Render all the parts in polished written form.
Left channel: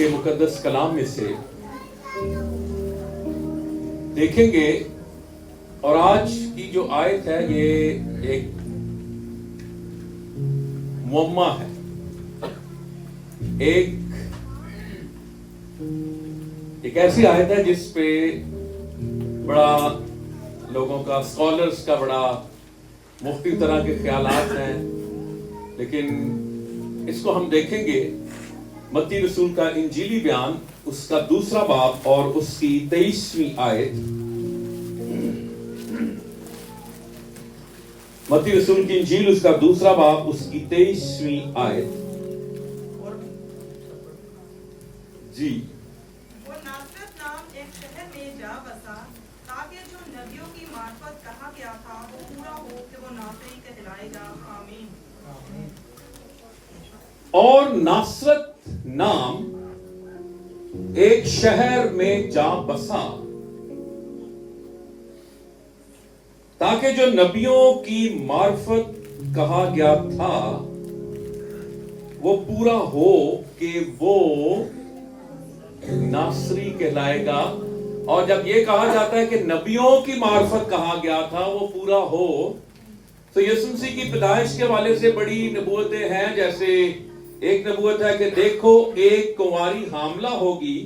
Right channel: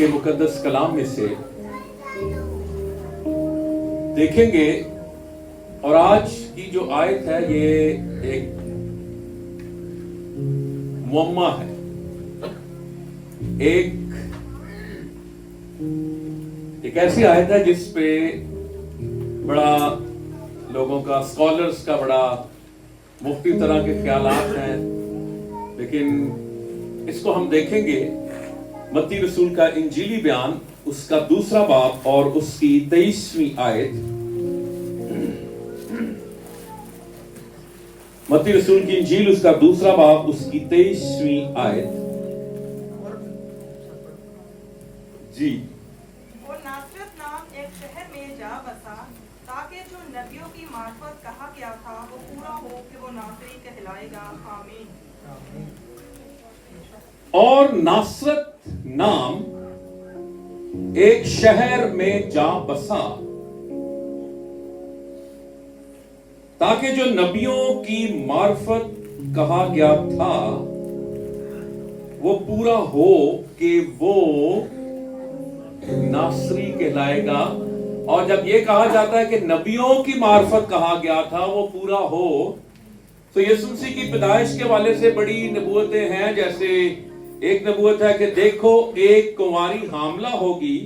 के मुकद्दस कलाम में से देखेंगे। और आज की जो आयत है ये एक मुअम्मा है, एक ऐसी आयत है जिस पे बड़ा लोगों का, स्कॉलर्स का बड़ा मुख्तलिफ तरह के ख्यालात हैं, लेकिन इसको हम देखेंगे मत्ती रसूल का इंजीली बयान, उसका दूसरा बाब और उसकी 23वीं आयत। मत्ती रसूल की इंजील उसका दूसरा बाब उसकी 23वीं आयत। जी। वो नासरत नाम एक शहर में जा बसा, ताकि जो नबियों की मार्फत कहा गया था वो पूरा हो कि वो नासरी कहलाएगा। आमीन। और नासरत नाम एक शहर में जा बसा, ताकि जो नबियों की मार्फत कहा गया था वो पूरा हो कि वो नासरी कहलाएगा। और जब ये कहा जाता है कि नबियों की मार्फत कहा गया था वो पूरा हो, तो यीशु मसीह की पैदाइश के वाले से बड़ी नबूवतें हैं। जैसे एक नबूवत है कि देखो एक कुंवारी हामला होगी,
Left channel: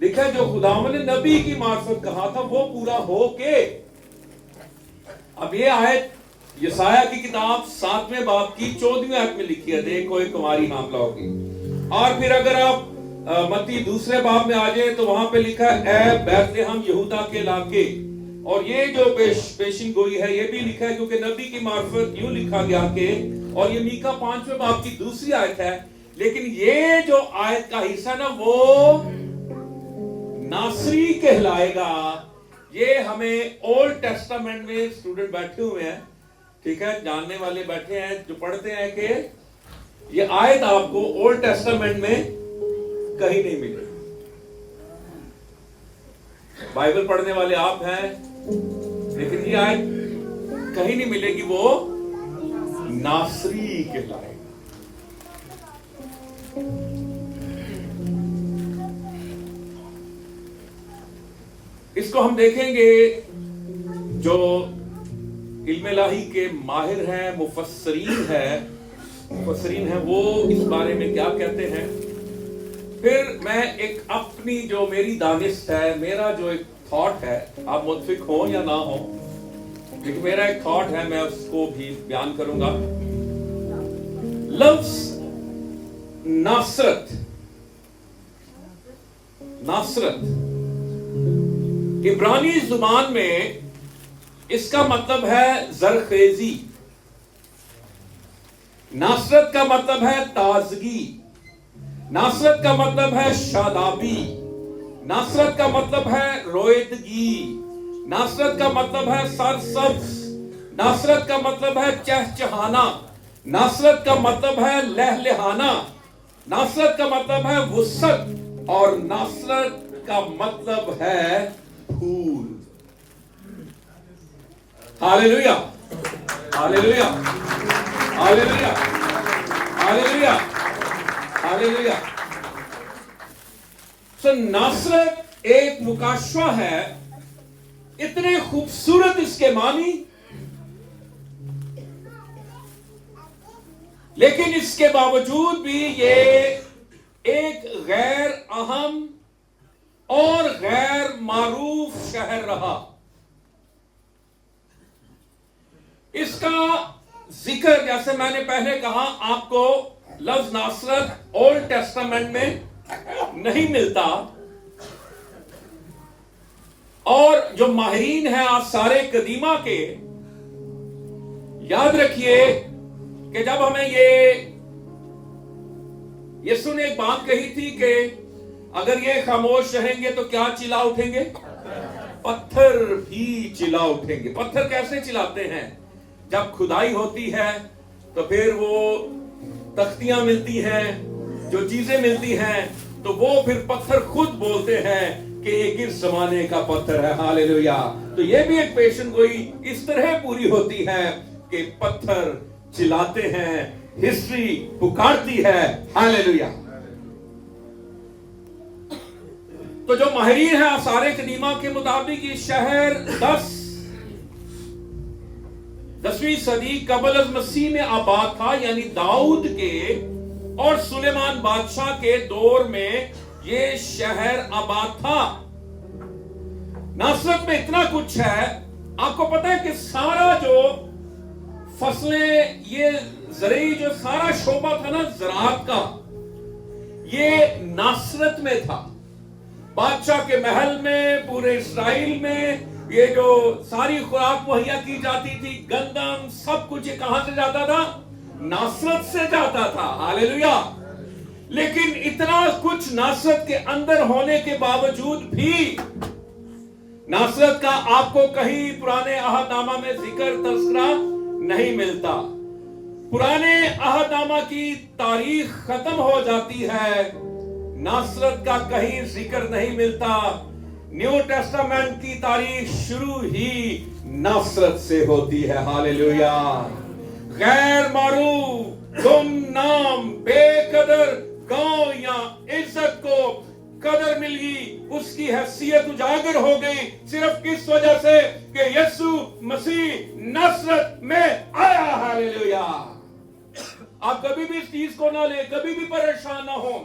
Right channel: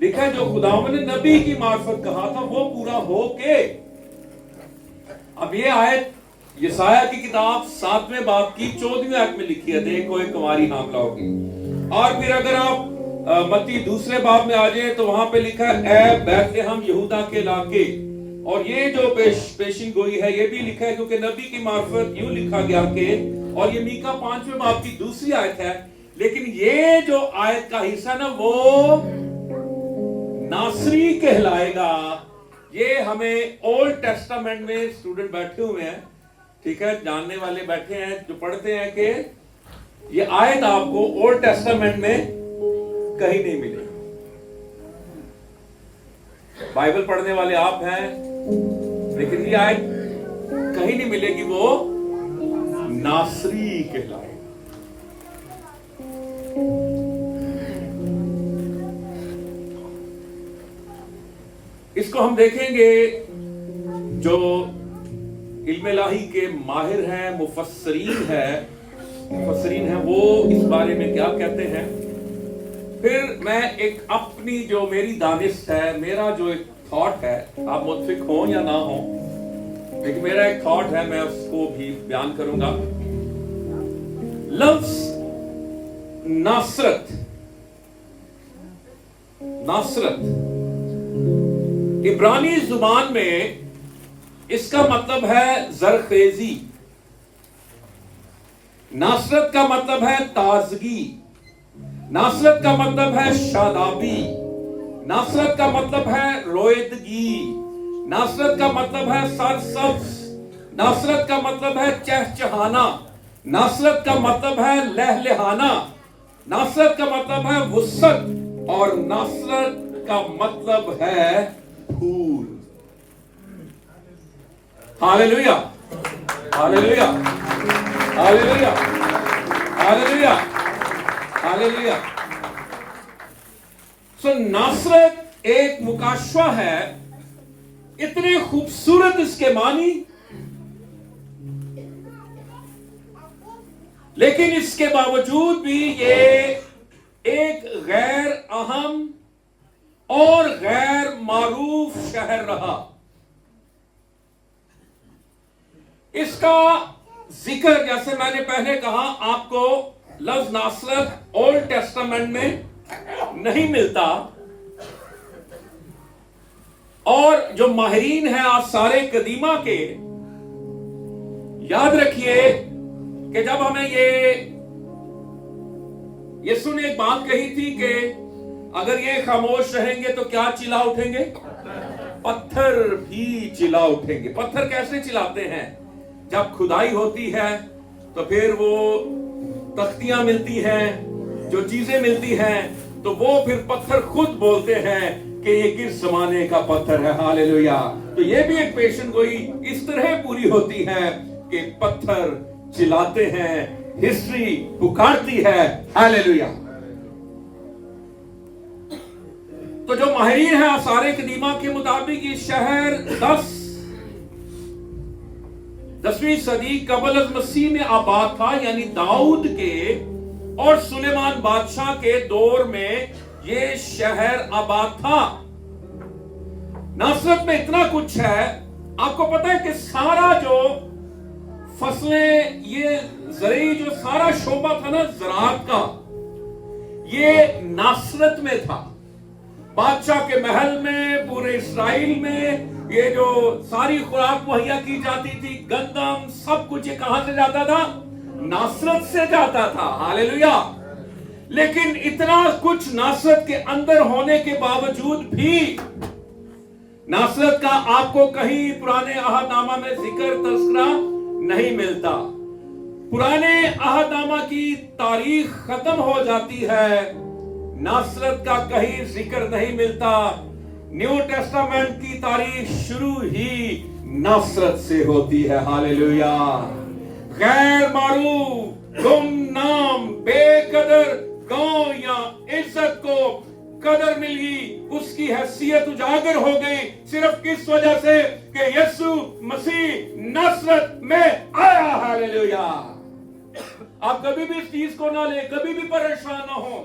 लिखा है जो खुदावंद ने नबी की मार्फत कहा था वो पूरा हो के। अब ये आयत यशायाह की किताब 7वें बाब की 14वीं आयत में लिखी है, देखो एक कुंवारी हामला होगी। और फिर अगर आप मत्ती दूसरे बाब में आ जाए तो वहां पे लिखा है ए बैतलहम यहूदा के इलाके। और ये जो पेशिन गोई है ये भी लिखा है क्योंकि नबी की मार्फत यूं लिखा गया कि, और ये मीका 5वें बाब की दूसरी आयत है। लेकिन ये जो आयत का हिस्सा ना वो नासरी कहलाएगा, ये हमें ओल्ड टेस्टामेंट में स्टूडेंट बैठे हुए हैं, ठीक है, जानने वाले बैठे हैं जो पढ़ते हैं कि ये आयत आपको ओल्ड टेस्टामेंट में कहीं नहीं मिलेगी। बाइबल पढ़ने वाले आप हैं, लेकिन ये आयत कहीं नहीं मिलेगी, वो नासरी कहलाएगा। इसको हम देखेंगे, जो इल्म-ए-इलाही के माहिर हैं, मुफस्सरीन हैं, वो इस बारे में क्या कहते हैं। फिर मैं एक अपनी जो मेरी दानिश है, मेरा जो एक थॉट है, आप मुत्फिक हो या ना हो, लेकिन मेरा एक थॉट है, मैं उसको भी बयान करूंगा। लफ्ज नासरत इब्रानी जुबान में इसका मतलब है जरखेजी। नासरत का मतलब है ताजगी, नासरत का मतलब है शादाबी, नासरत का मतलब है रोयदगी, नासरत का मतलब है सरसब्ज, नासरत का मतलब है चहचहाना, नासरत का मतलब है लहलहाना, नासरत का मतलब है वुसअत, और नासरत का मतलब है फूल। Hallelujah, hallelujah, hallelujah, hallelujah, hallelujah. So नासरत एक मुकाशवा है, इतने खूबसूरत इसके मानी, लेकिन इसके बावजूद भी ये एक गैर अहम और गैर मारूफ शहर रहा। इसका जिक्र, जैसे मैंने पहले कहा आपको, लफ्ज नासरत ओल्ड टेस्टामेंट में नहीं मिलता। और जो माहिरीन हैं आज सारे कदीमा के, याद रखिए कि जब हमें यीशु ने एक बात कही थी कि अगर ये खामोश रहेंगे तो क्या चिल्ला उठेंगे, पत्थर भी चिल्ला उठेंगे। पत्थर कैसे चिल्लाते हैं? जब खुदाई होती है तो फिर वो तख्तियां मिलती हैं, जो चीजें मिलती हैं, तो वो फिर पत्थर खुद बोलते हैं कि ये किस जमाने का पत्थर है। हालेलुया। तो ये भी एक पेशन गोई इस तरह पूरी होती है कि पत्थर चिल्लाते हैं, हिस्ट्री पुकारती है। हालेलुया। تو جو ماہرین ہیں آثار قدیمہ کے مطابق یہ شہر 10ویں صدی قبل از مسیح میں آباد تھا، یعنی داؤد کے اور سلیمان بادشاہ کے دور میں یہ شہر آباد تھا۔ ناصرت میں اتنا کچھ ہے، آپ کو پتا ہے کہ سارا جو فصلیں، یہ زرعی جو سارا شعبہ تھا نا زراعت کا، یہ ناصرت میں تھا۔ بادشاہ کے محل میں، پورے اسرائیل میں یہ جو ساری خوراک مہیا کی جاتی تھی، گندم، سب کچھ یہ کہاں سے جاتا تھا؟ ناصرت سے جاتا تھا۔ ہاللیلویا۔ لیکن اتنا کچھ ناصرت کے اندر ہونے کے باوجود بھی ناصرت کا آپ کو کہیں پرانے عہد نامہ میں ذکر تذکرہ نہیں ملتا۔ پرانے عہد نامہ کی تاریخ ختم ہو جاتی ہے، ناصرت کا کہیں ذکر نہیں ملتا۔ نیو ٹیسٹامنٹ کی تاریخ شروع ہی ناصرت سے ہوتی ہے۔ ہاللیلویا۔ غیر معروف، گمنام، بے قدر گاؤں یا عزت کو قدر مل گئی، اس کی حیثیت اجاگر ہو گئی، صرف کس وجہ سے کہ یسوع مسیح ناصرت میں آیا۔ ہاللیلویا۔ آپ کبھی بھی اس چیز کو نہ لیں، کبھی بھی پریشان نہ ہوں۔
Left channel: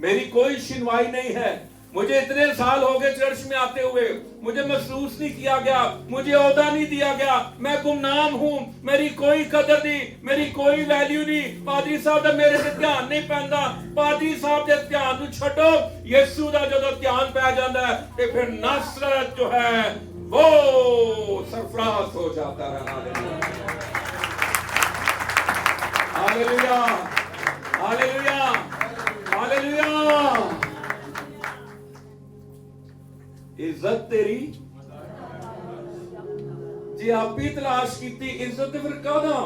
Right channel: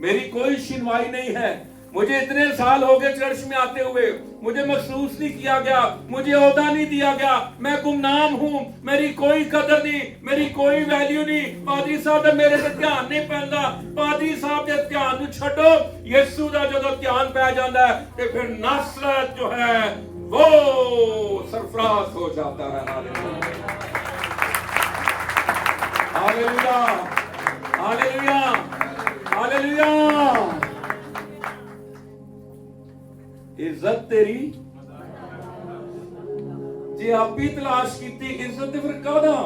میری کوئی شنوائی نہیں ہے، مجھے اتنے سال ہو گئے چرچ میں آتے ہوئے، مجھے محسوس نہیں کیا گیا، مجھے عہدہ نہیں دیا گیا، میں گمنام ہوں، میری کوئی قدر نہیں، میری کوئی ویلیو نہیں۔ پادری صاحب نے میرے سے دھیان نہیں پہنتا، پادری صاحب جب دھیان نو چھٹو، یسوع دا جدو دھیان پہ جاتا ہے کہ پھر ناصرت جو ہے وہ سرفراز ہو جاتا ہے۔ ہاللیلویا، ہاللیلویا، ہاللیلویا۔ عزت تیری جی آپ بھی تلاش کیتی، عزت پھر کہنا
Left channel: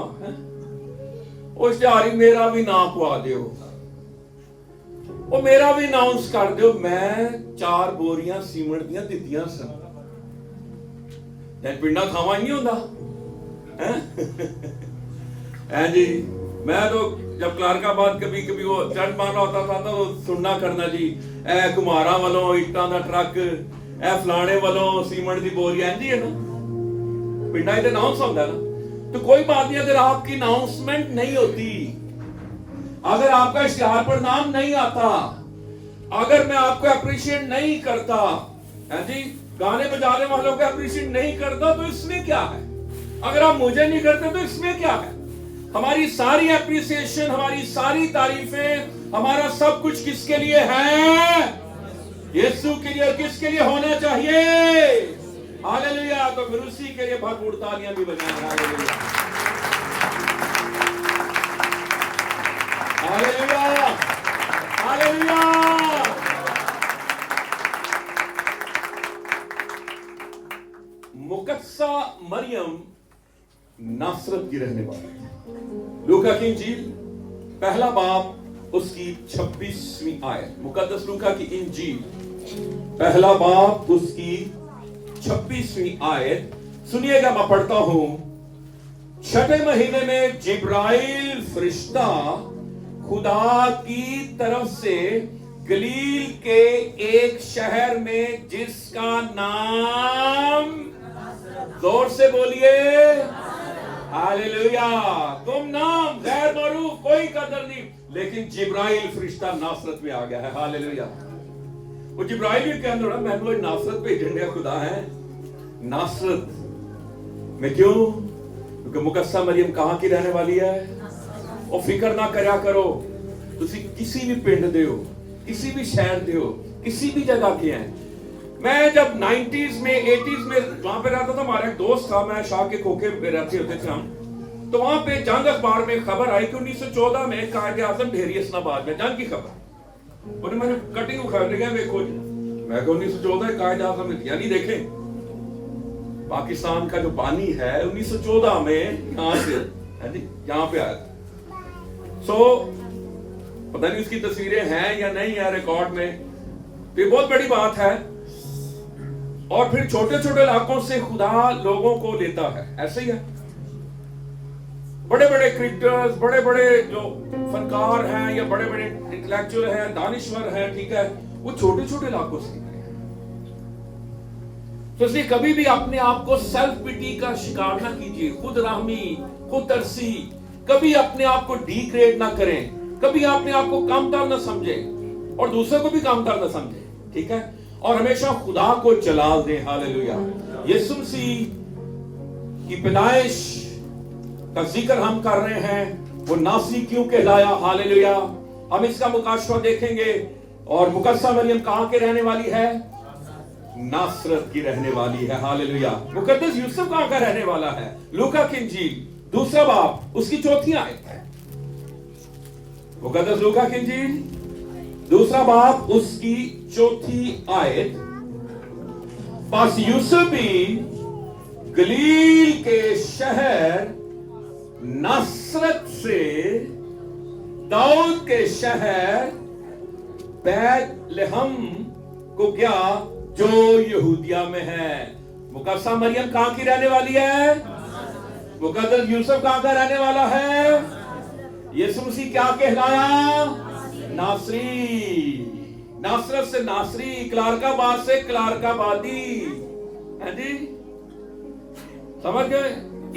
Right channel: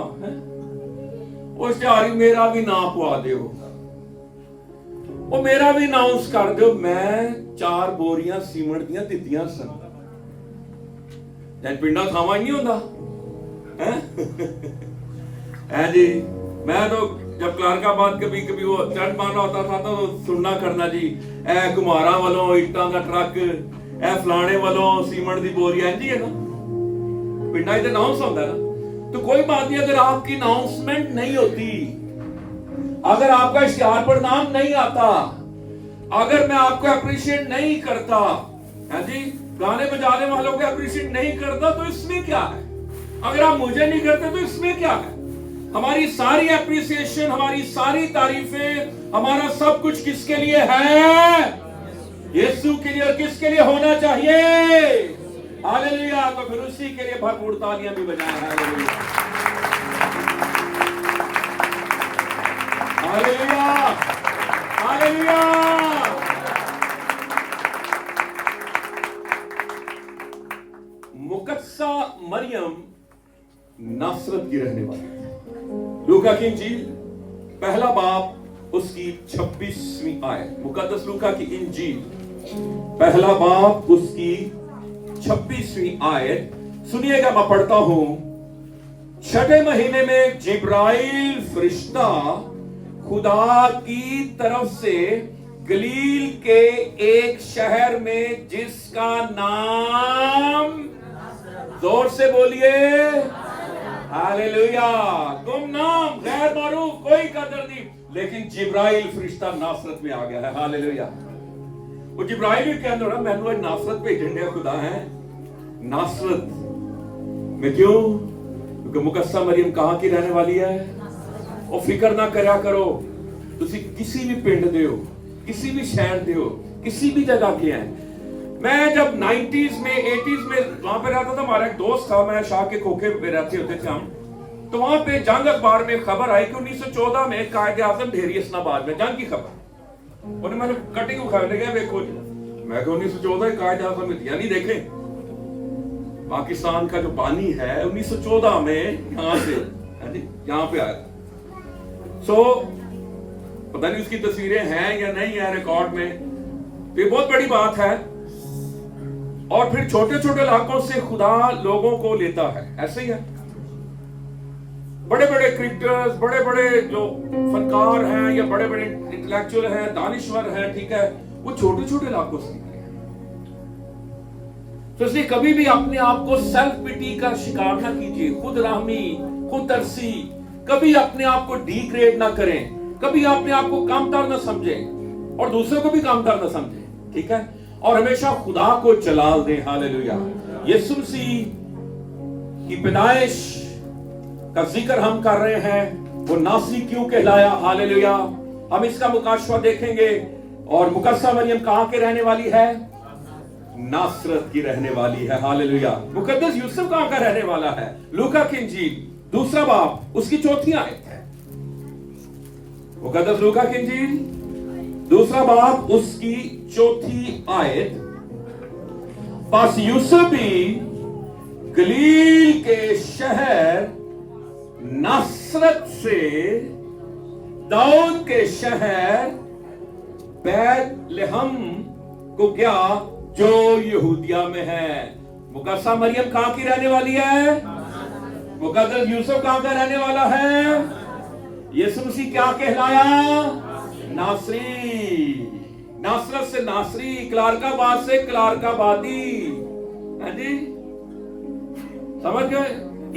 اس جاری میرا بھی نام پوا دیو، وہ میرا بھی اناؤنس کر دیو، میں 4 بوریاں سیمنٹ دیاں دتیاں سن، جن پنڈا تھاواں نہیں ہوتا ہے جی۔ میں تو جب کلارک آباد کبھی کبھی وہ چرچ مارنا ہوتا تھا تو سننا کرنا جی، اے کمارا والوں اٹاں دا ٹرک، اے فلانے والوں سیمنٹ دی بوری ہے نا، پنڈا ہی تو اناؤنس ہوتا ہے نا۔ تو کوئی بات نہیں، اگر آپ کی اناؤنسمنٹ نہیں ہوتی، اگر آپ کا اشتہار پر نام نہیں آتا، اگر میں آپ کو اپریشیٹ نہیں کرتا ہے جی، گانے بجانے والوں کو اپریشیٹ نہیں کرتا تو اس میں کیا ہے؟ اگر آپ مجھے نہیں کرتے تو اس میں کیا ہے؟ ہماری ساری اپریسیشن، ہماری ساری تعریفیں، ہمارا سب کچھ کس کے لیے ہے؟ یسوع کے لیے۔ اور کس کے لیے ہونا چاہیے؟ ہاللیلویا۔ تو پھر اسی کے لیے بھرپور تالیاں بھی بجائیں۔ ہاللیلویا، ہاللیلویا، ہاللیلویا۔ مقدسہ مریم ناصرت کی رہنے والی ہے۔ لوکا کی انجیل پہلا باب اس کی 26ویں آیت، مقدس لوکا کی انجیل پہلا باب اس کی 26ویں آیت سنیے گا، میں پڑھتا ہوں۔ 6 مہینے میں جبرائیل فرشتہ خدا کی طرف سے گلیل کے ایک شہر میں جس کا نام، زور سے بولیے ہاللیلویا، گمنام، غیر معروف، کوئی قدر نہیں، لیکن جبرائیل فرشتہ ناصرت میں آ گیا ہے۔ ہاللیلویا۔ وہ جبرائیل بھی کہنے رہا، میں نے ناصرت پہ جھنڈے خدا ہے۔ ناصرت میں کیوں؟ کیونکہ مقدسہ مریم کہاں کی رہنے والی ہے؟ اور فکر نہ کریا کرو تسی کسی بھی پنڈ دے ہو، کسی بھی شہر دے ہو، کسی بھی جگہ کے ہیں۔ میں جب 90s میں 80s میں وہاں پہ رہتا تھا، ہمارا ایک دوست تھا، میں شاہ کے کھوکھے پہ رہتے ہوتے تھے ہم، تو وہاں پہ جنگ اخبار میں خبر آئی کہ 1914 میں قائد اعظم ڈھیری اسلام آباد میں جنگ کی خبر، انہیں میں نے کٹنگ اکھاڑ گیا، دیکھو جی، میں کہ 1914 قائد اعظم میں، یعنی دیکھیں پاکستان کا جو بانی ہے 1914 میں یہاں سے ہے جی، یہاں پہ آیا تھا۔ سو پتہ نہیں اس کی تصویریں ہیں یا نہیں ہیں ریکارڈ میں، تو یہ بہت بڑی بات ہے۔ اور پھر چھوٹے چھوٹے علاقوں سے خدا لوگوں کو لیتا ہے، ایسے ہی ہے۔ بڑے بڑے کرکٹرز، بڑے بڑے جو فنکار ہیں یا بڑے بڑے انٹلیکچوئل ہیں، دانشور ہیں، ٹھیک ہے، وہ چھوٹے چھوٹے علاقوں سے نکلے ہیں۔ तो इसलिए कभी भी अपने आप को सेल्फ पिटी का शिकार ना कीजिए, खुद रहमी, खुद तरसी, कभी अपने आप को डिग्रेड ना करें, कभी अपने आप को कामतर ना समझें और दूसरे को भी कामतर ना समझें, ठीक है। और हमेशा खुदा को जलाल दें, हालेलुया। यीशु मसीह की पैदाइश का जिक्र हम कर रहे हैं, वो नासरी क्यों कहलाया, हालेलुया। हम इसका मुकाशवा देखेंगे। और मुकद्दसा मरियम कहां के रहने वाली है? नासरत की रहने वाली है, हालेलुया। मुकद्दस यूसुफ कहां का रहने वाला है? लूका की इंजील 2 बाब उसकी 4 आयत है। मुकद्दस लूका की इंजील 2 बाब उसकी 4 आयत। पास यूसुफ भी गलील के शहर नासरत से दाऊद के शहर बैतलहम को गया जो यहूदिया में है। मुकद्दसा मरियम कहां की रहने वाली है? मुकद्दस यूसुफ कहां का रहने वाला है? यीशु मसीह क्या कहलाया? नासरी। नासरत से नासरी, क्लारकाबाद से क्लारकाबादी, है जी, समझ गए?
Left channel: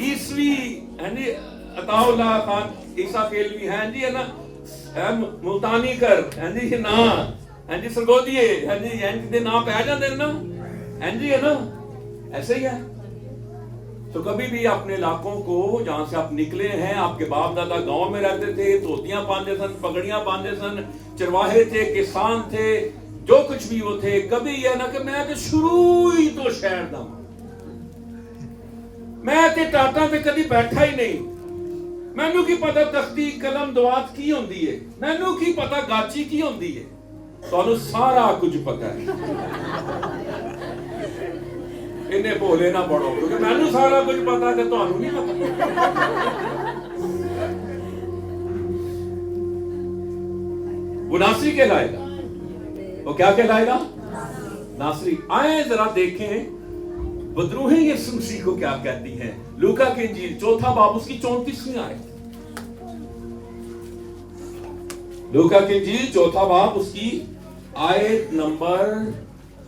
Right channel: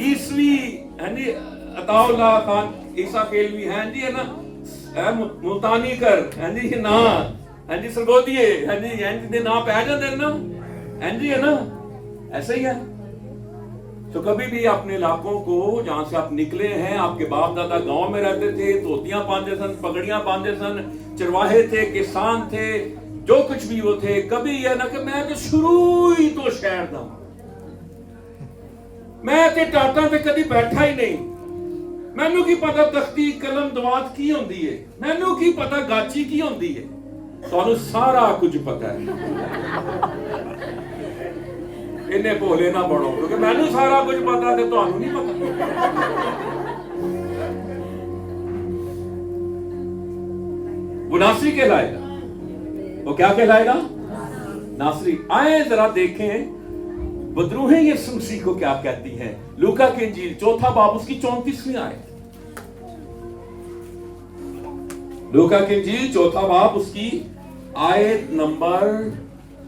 ईसवी है जी, अताउल्लाह खान ईसा केलवी है जी, है ना, मुल्तानी कर है जी, ना है जी, सरगोदिए है जी, दे ना पै जाते ना, है जी, है ना, ऐसे ही है। तो कभी भी अपने इलाकों को जहां से आप निकले हैं, आपके बाप दादा गांव में रहते थे, तोतियां बांधे सन, पगड़ियां बांधे सन, चरवाहे थे, किसान थे, जो कुछ भी वो थे, कभी यह ना कि मैं तो शुरू ही तो शहर दा, मैं ते टाटा पे कभी बैठा ही नहीं, मैनू की पता तख्ती कलम दवात की होंदी है, मैनू की पता गाची की होंदी है। तो सारा कुछ पता है, इन्हें भोले ना बनो, क्योंकि मैनू सारा कुछ पता है, तो नहीं पता। वो नासरी कहलाएगा, वो क्या कहलाएगा? नासरी। आए जरा देखें बदरूहें यीशु मसीह को क्या कहती हैं। लूका की इंजील 4 बाब उसकी 34वीं आयत। लूका की इंजील 4 बाब उसकी आयत नंबर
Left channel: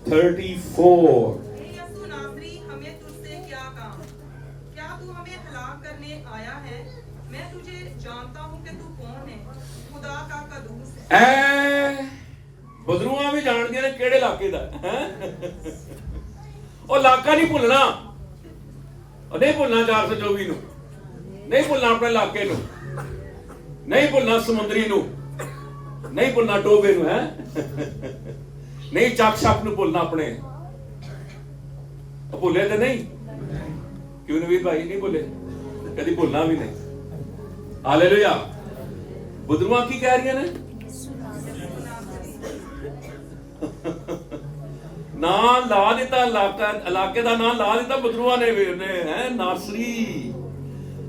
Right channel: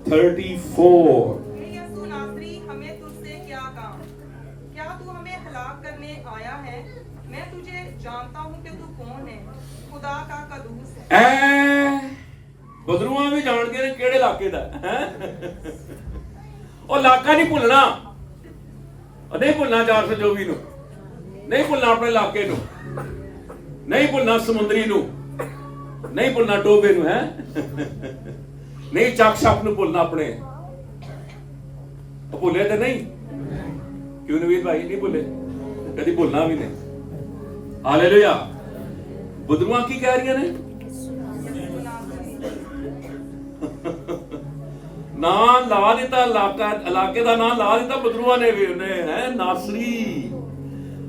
34। यीशु नासरी, हमें तुझसे क्या काम? क्या तू हमें हलाक करने आया है? मैं तुझे जानता हूं कि तू कौन है, खुदा का कदूस है। बदरूआ भी जान दिया ने केड़े इलाके दा है। और इलाका नहीं भुलना, नहीं भुलना 424 नू, नहीं भुलना अपने इलाके नू, नहीं भुलना समुद्री नू, नहीं भुलना टोबे नू, है नहीं चाक छाप नू भुलना अपने। तो भुले तो नहीं, क्यों नवीद भाई नहीं भुले, कभी भुलना भी नहीं। हालेलुया। बुदरुआ की कह रही है ना ला दिता, इलाके का नाम ला दिता बदरुआ ने भी, उन्हें है नासरी।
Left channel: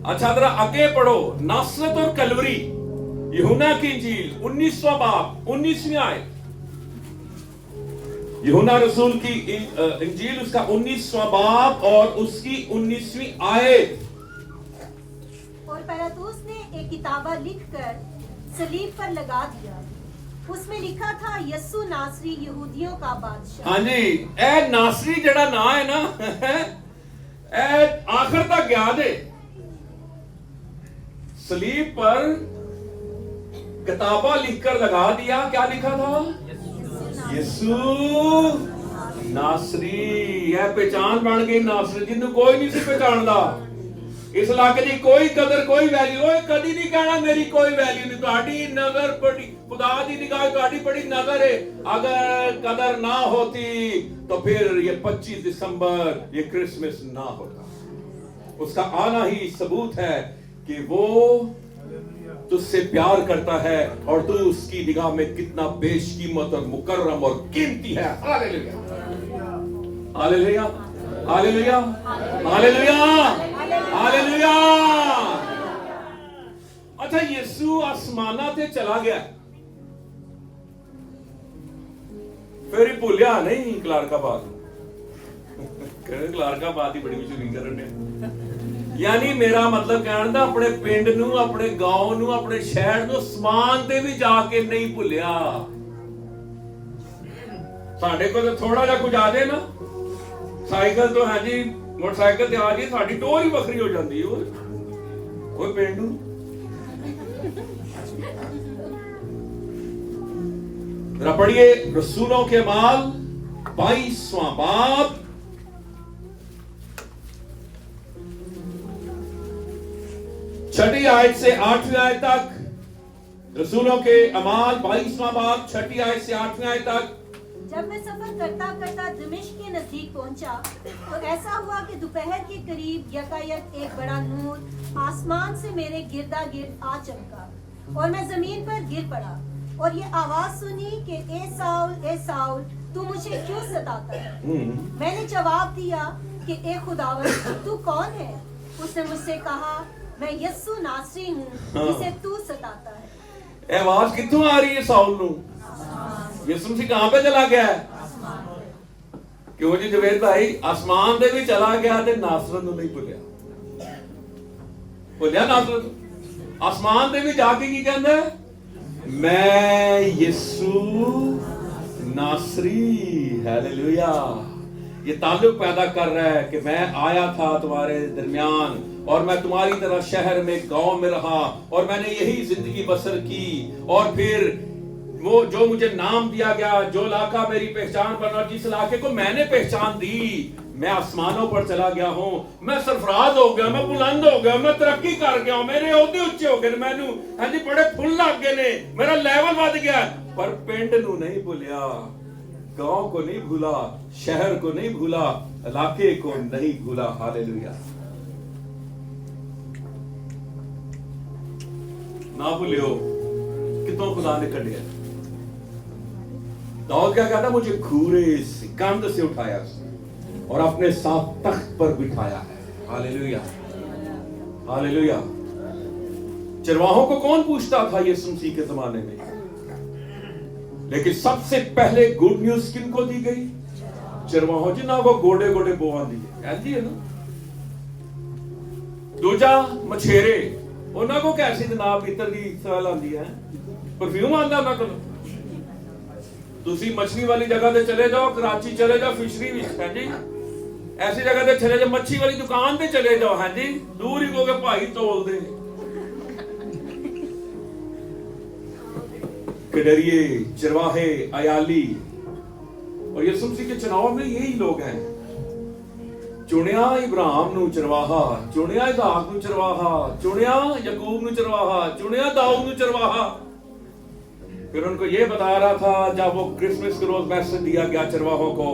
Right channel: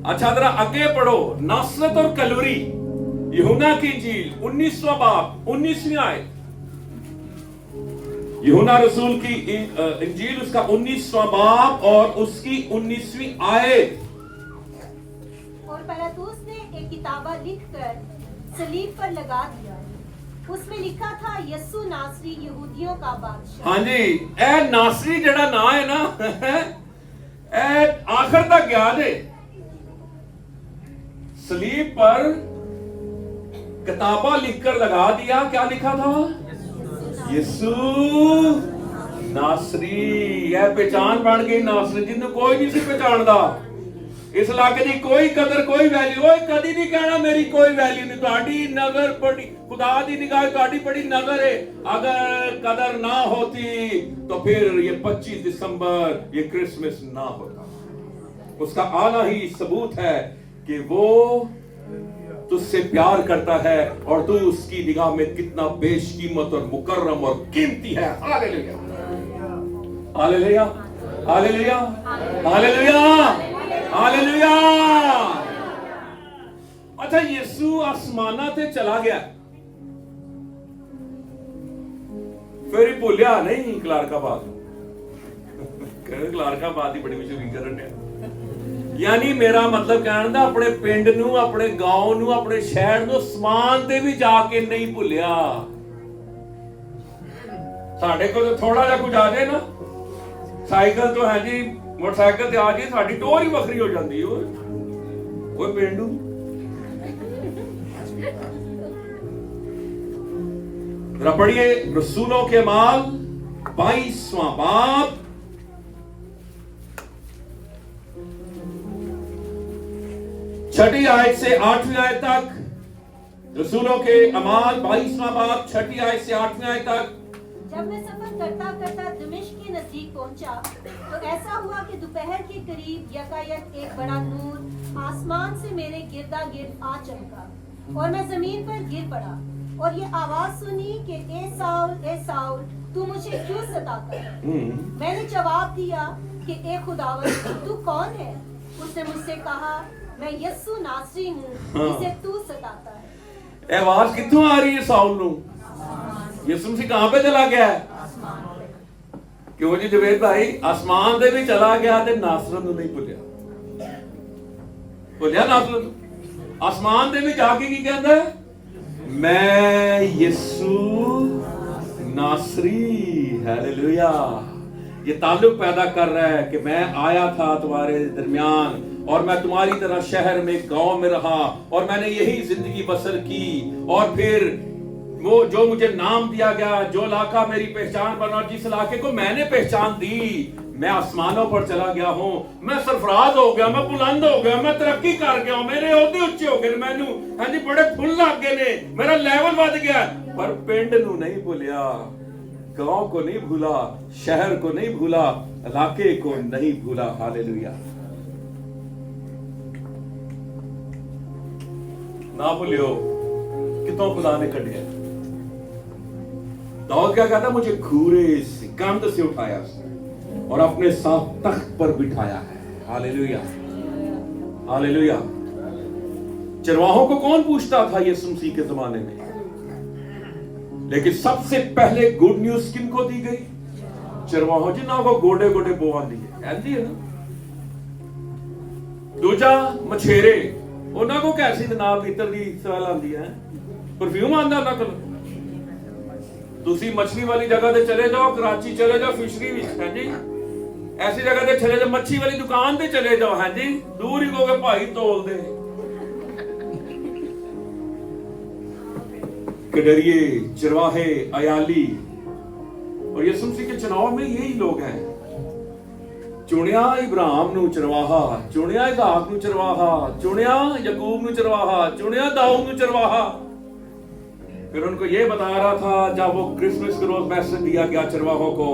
अच्छा जरा आगे पढ़ो, नासरत और कलवरी, यूहन्ना की इंजील 19वां बाब 19वीं आयत। यूहन्ना रसूल की इंजील उसका 19वां बाब और उसकी 19वीं आयत। और पिलातुस ने एक किताबा लिखकर सलीब पर लगा दिया, उसमें लिखा था यीशु नासरी यहूदियों का बादशाह। हाँ जी, ए नासरी जड़ा ना है ना, ए आखिर तक याद है। सलीब पर किताबा लिखकर लगा दिया, क्या लिखा था? यीशु नासरी। यह पहचान बन गई नासरी, जिन्हों कोई नहीं सी पहचानदा। इस इलाके की कोई कदर, कोई वैल्यू, कदी नहीं कहना मेरी कोई वैल्यू नहीं। तुम्हारी नजर बड़ी, खुदा की निगाह तुम्हारी बड़ी नजर है। अगर कदर ना होती तो फिर ये 25 दिसंबर ये क्रिसमस ना होता। उसका आना ही सबूत है कि वो तुझसे प्यार करता है और तू उसकी निगाह में कितना बेशकीमत और मुकर्रम और कीमती है। Hallelujah, hallelujah, hallelujah, hallelujah, hallelujah. अच्छा, यीशु आसमाना ते चला गया, फिर ही भूलिया नहीं क्लारकाबाद। क्लारकाबाद ही बड़ी मशहूरी करने, यानी मेरा मतलब कहना अपने पिंड नू, अपने गांव नू, अपने शहर नू समान ते भी जाके नहीं भुलिया। साढ़े को तो थोड़ा जा कुछ आ जाए ना, ਸਾਈਕਲ ਤੋਂ ਹੈ ਜੀ, ਮੋਟਰਸਾਈਕਲ ਤੇ ਆ ਜੀ ਸਾਡੀ ਟੋਰ ਹੀ ਵੱਖਰੀ ਹੋ ਜਾਂਦੀ ਹੈ। ਉਹ ਪਿੰਡੂ जरा पढ़िए रसूलों के अमाल 22वां बाब, छठी आयत से 8वीं आयत तक। रसूलों के अमाल 22वां बाब, छठी आयत से 8वीं आयत तक। जब मैं सफर करता करता दमिश्क के नजदीक पहुंचा तो ऐसा हुआ कि दोपहर के करीब यकायक एक बड़ा नूर आसमान से मेरे गिरदा गिर्द आ चमका और मैं जमीन पर गिर पड़ा और ये आवाज सुनी कि ए साउल तू मुझे क्यों सताता है। मैंने जवाब दिया कि ए खुदावंद तू कौन है। उसने मुझसे कहा मैं यस्सु नासरी हूँ जिसे तू सताता है। आवाज कित्थों आ रही है साउल नू? यीशु मसीह कहां पे चला गया है? क्यों जी जवेद भाई, आसमान दे भी चला गया ते नासरत नू नहीं भुलिया नासरत। आसमान दे भी जाके की कहंदा है, मैं यीशु नासरी। हालेलुया। ये ताल्लुक पैदा कर रहा है कि मैं आया था तुम्हारे दरमियान और मैं तुम्हारी तरह शहर में गांव में रहा और मैंने यही जिंदगी बसर की और फिर वो जो मुझे नाम दिया गया, जो इलाका मेरी पहचान बना, जिस इलाके को मैंने पहचान दी, मैं आसमानों पर चला गया हूं, मैं सरफराज हो गया, मैं बुलंद हो गया, मैं तरक्की कर गया हूं, मेरे ओहदे उच्चे हो गए, मैनू हां जी बड़े फुल लग गए ने, मेरा लेवल बढ़ गया। पर पिंड नू नहीं भूलिया, गांव को नहीं भूला, शहर को नहीं भूला, इलाके को नहीं भूला। हालेलुया। ना भूलियो कितों खुदा ने कढ़िया। दाऊद क्या कहता, मुझे घूरे से कंध से उठाया और अपने साथ तख्त पर बिठाया है। Hallelujah, hallelujah. चरवाहों को कौन पूछता था यीशु मसीह के जमाने में? लेकिन सबसे पहले गुड न्यूज किनको दी गई? चरवाहों जिन्हों को गोडे गोडे बोआ दिए, ऐसी है ना। दूजा मछेरे, उन्होंने को कैसी जनाब इतर की सवाल आती है, परफ्यूम आंदा ना करो। तुसी मछली वाली जगह पे चले जाओ, कराची चले जाओ, फिशरी है जी, ऐसी जगह पे चले जाओ, मच्छी वाली दुकान पे चले जाओ, है जी, दूर ही कहोगे भाई तोल दे। कड़रिए, चरवाहे, अयाली, और यीशु मसीह के चुनाव में यही लोग हैं। चुनिया इब्राहिम नू चरवाहा, चुनिया इसहाक नू चरवाहा, चुनिया याकूब नू चरवाहा, चुनिया दाऊद नू चरवाहा। फिर उनको ये बता रहा था जब वो क्रिसमस के रोज मैसेज दिया गया चरवाहों को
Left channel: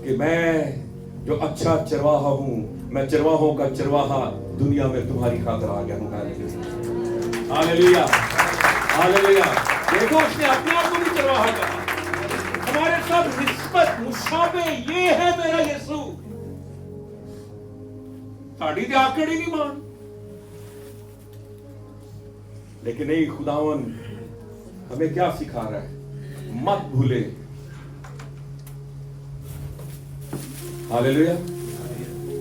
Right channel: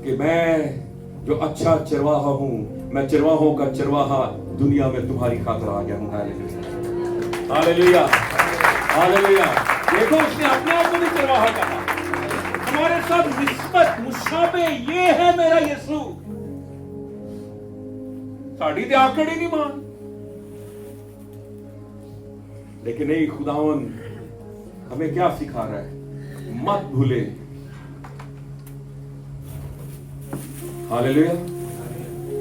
कि मैं जो अच्छा चरवाहा हूं, मैं चरवाहों का चरवाहा दुनिया में तुम्हारी खातिर आ गया हूं। Hallelujah, hallelujah. देखो उसने अपने आप को भी चरवाहा कहा। हमारे सब निस्बत मुशाबे ये है मेरा यीशु। साड़ी ते आकड़ी नहीं मान, लेकिन नहीं, खुदावन हमें क्या सिखा रहा है? मत भूले। Hallelujah,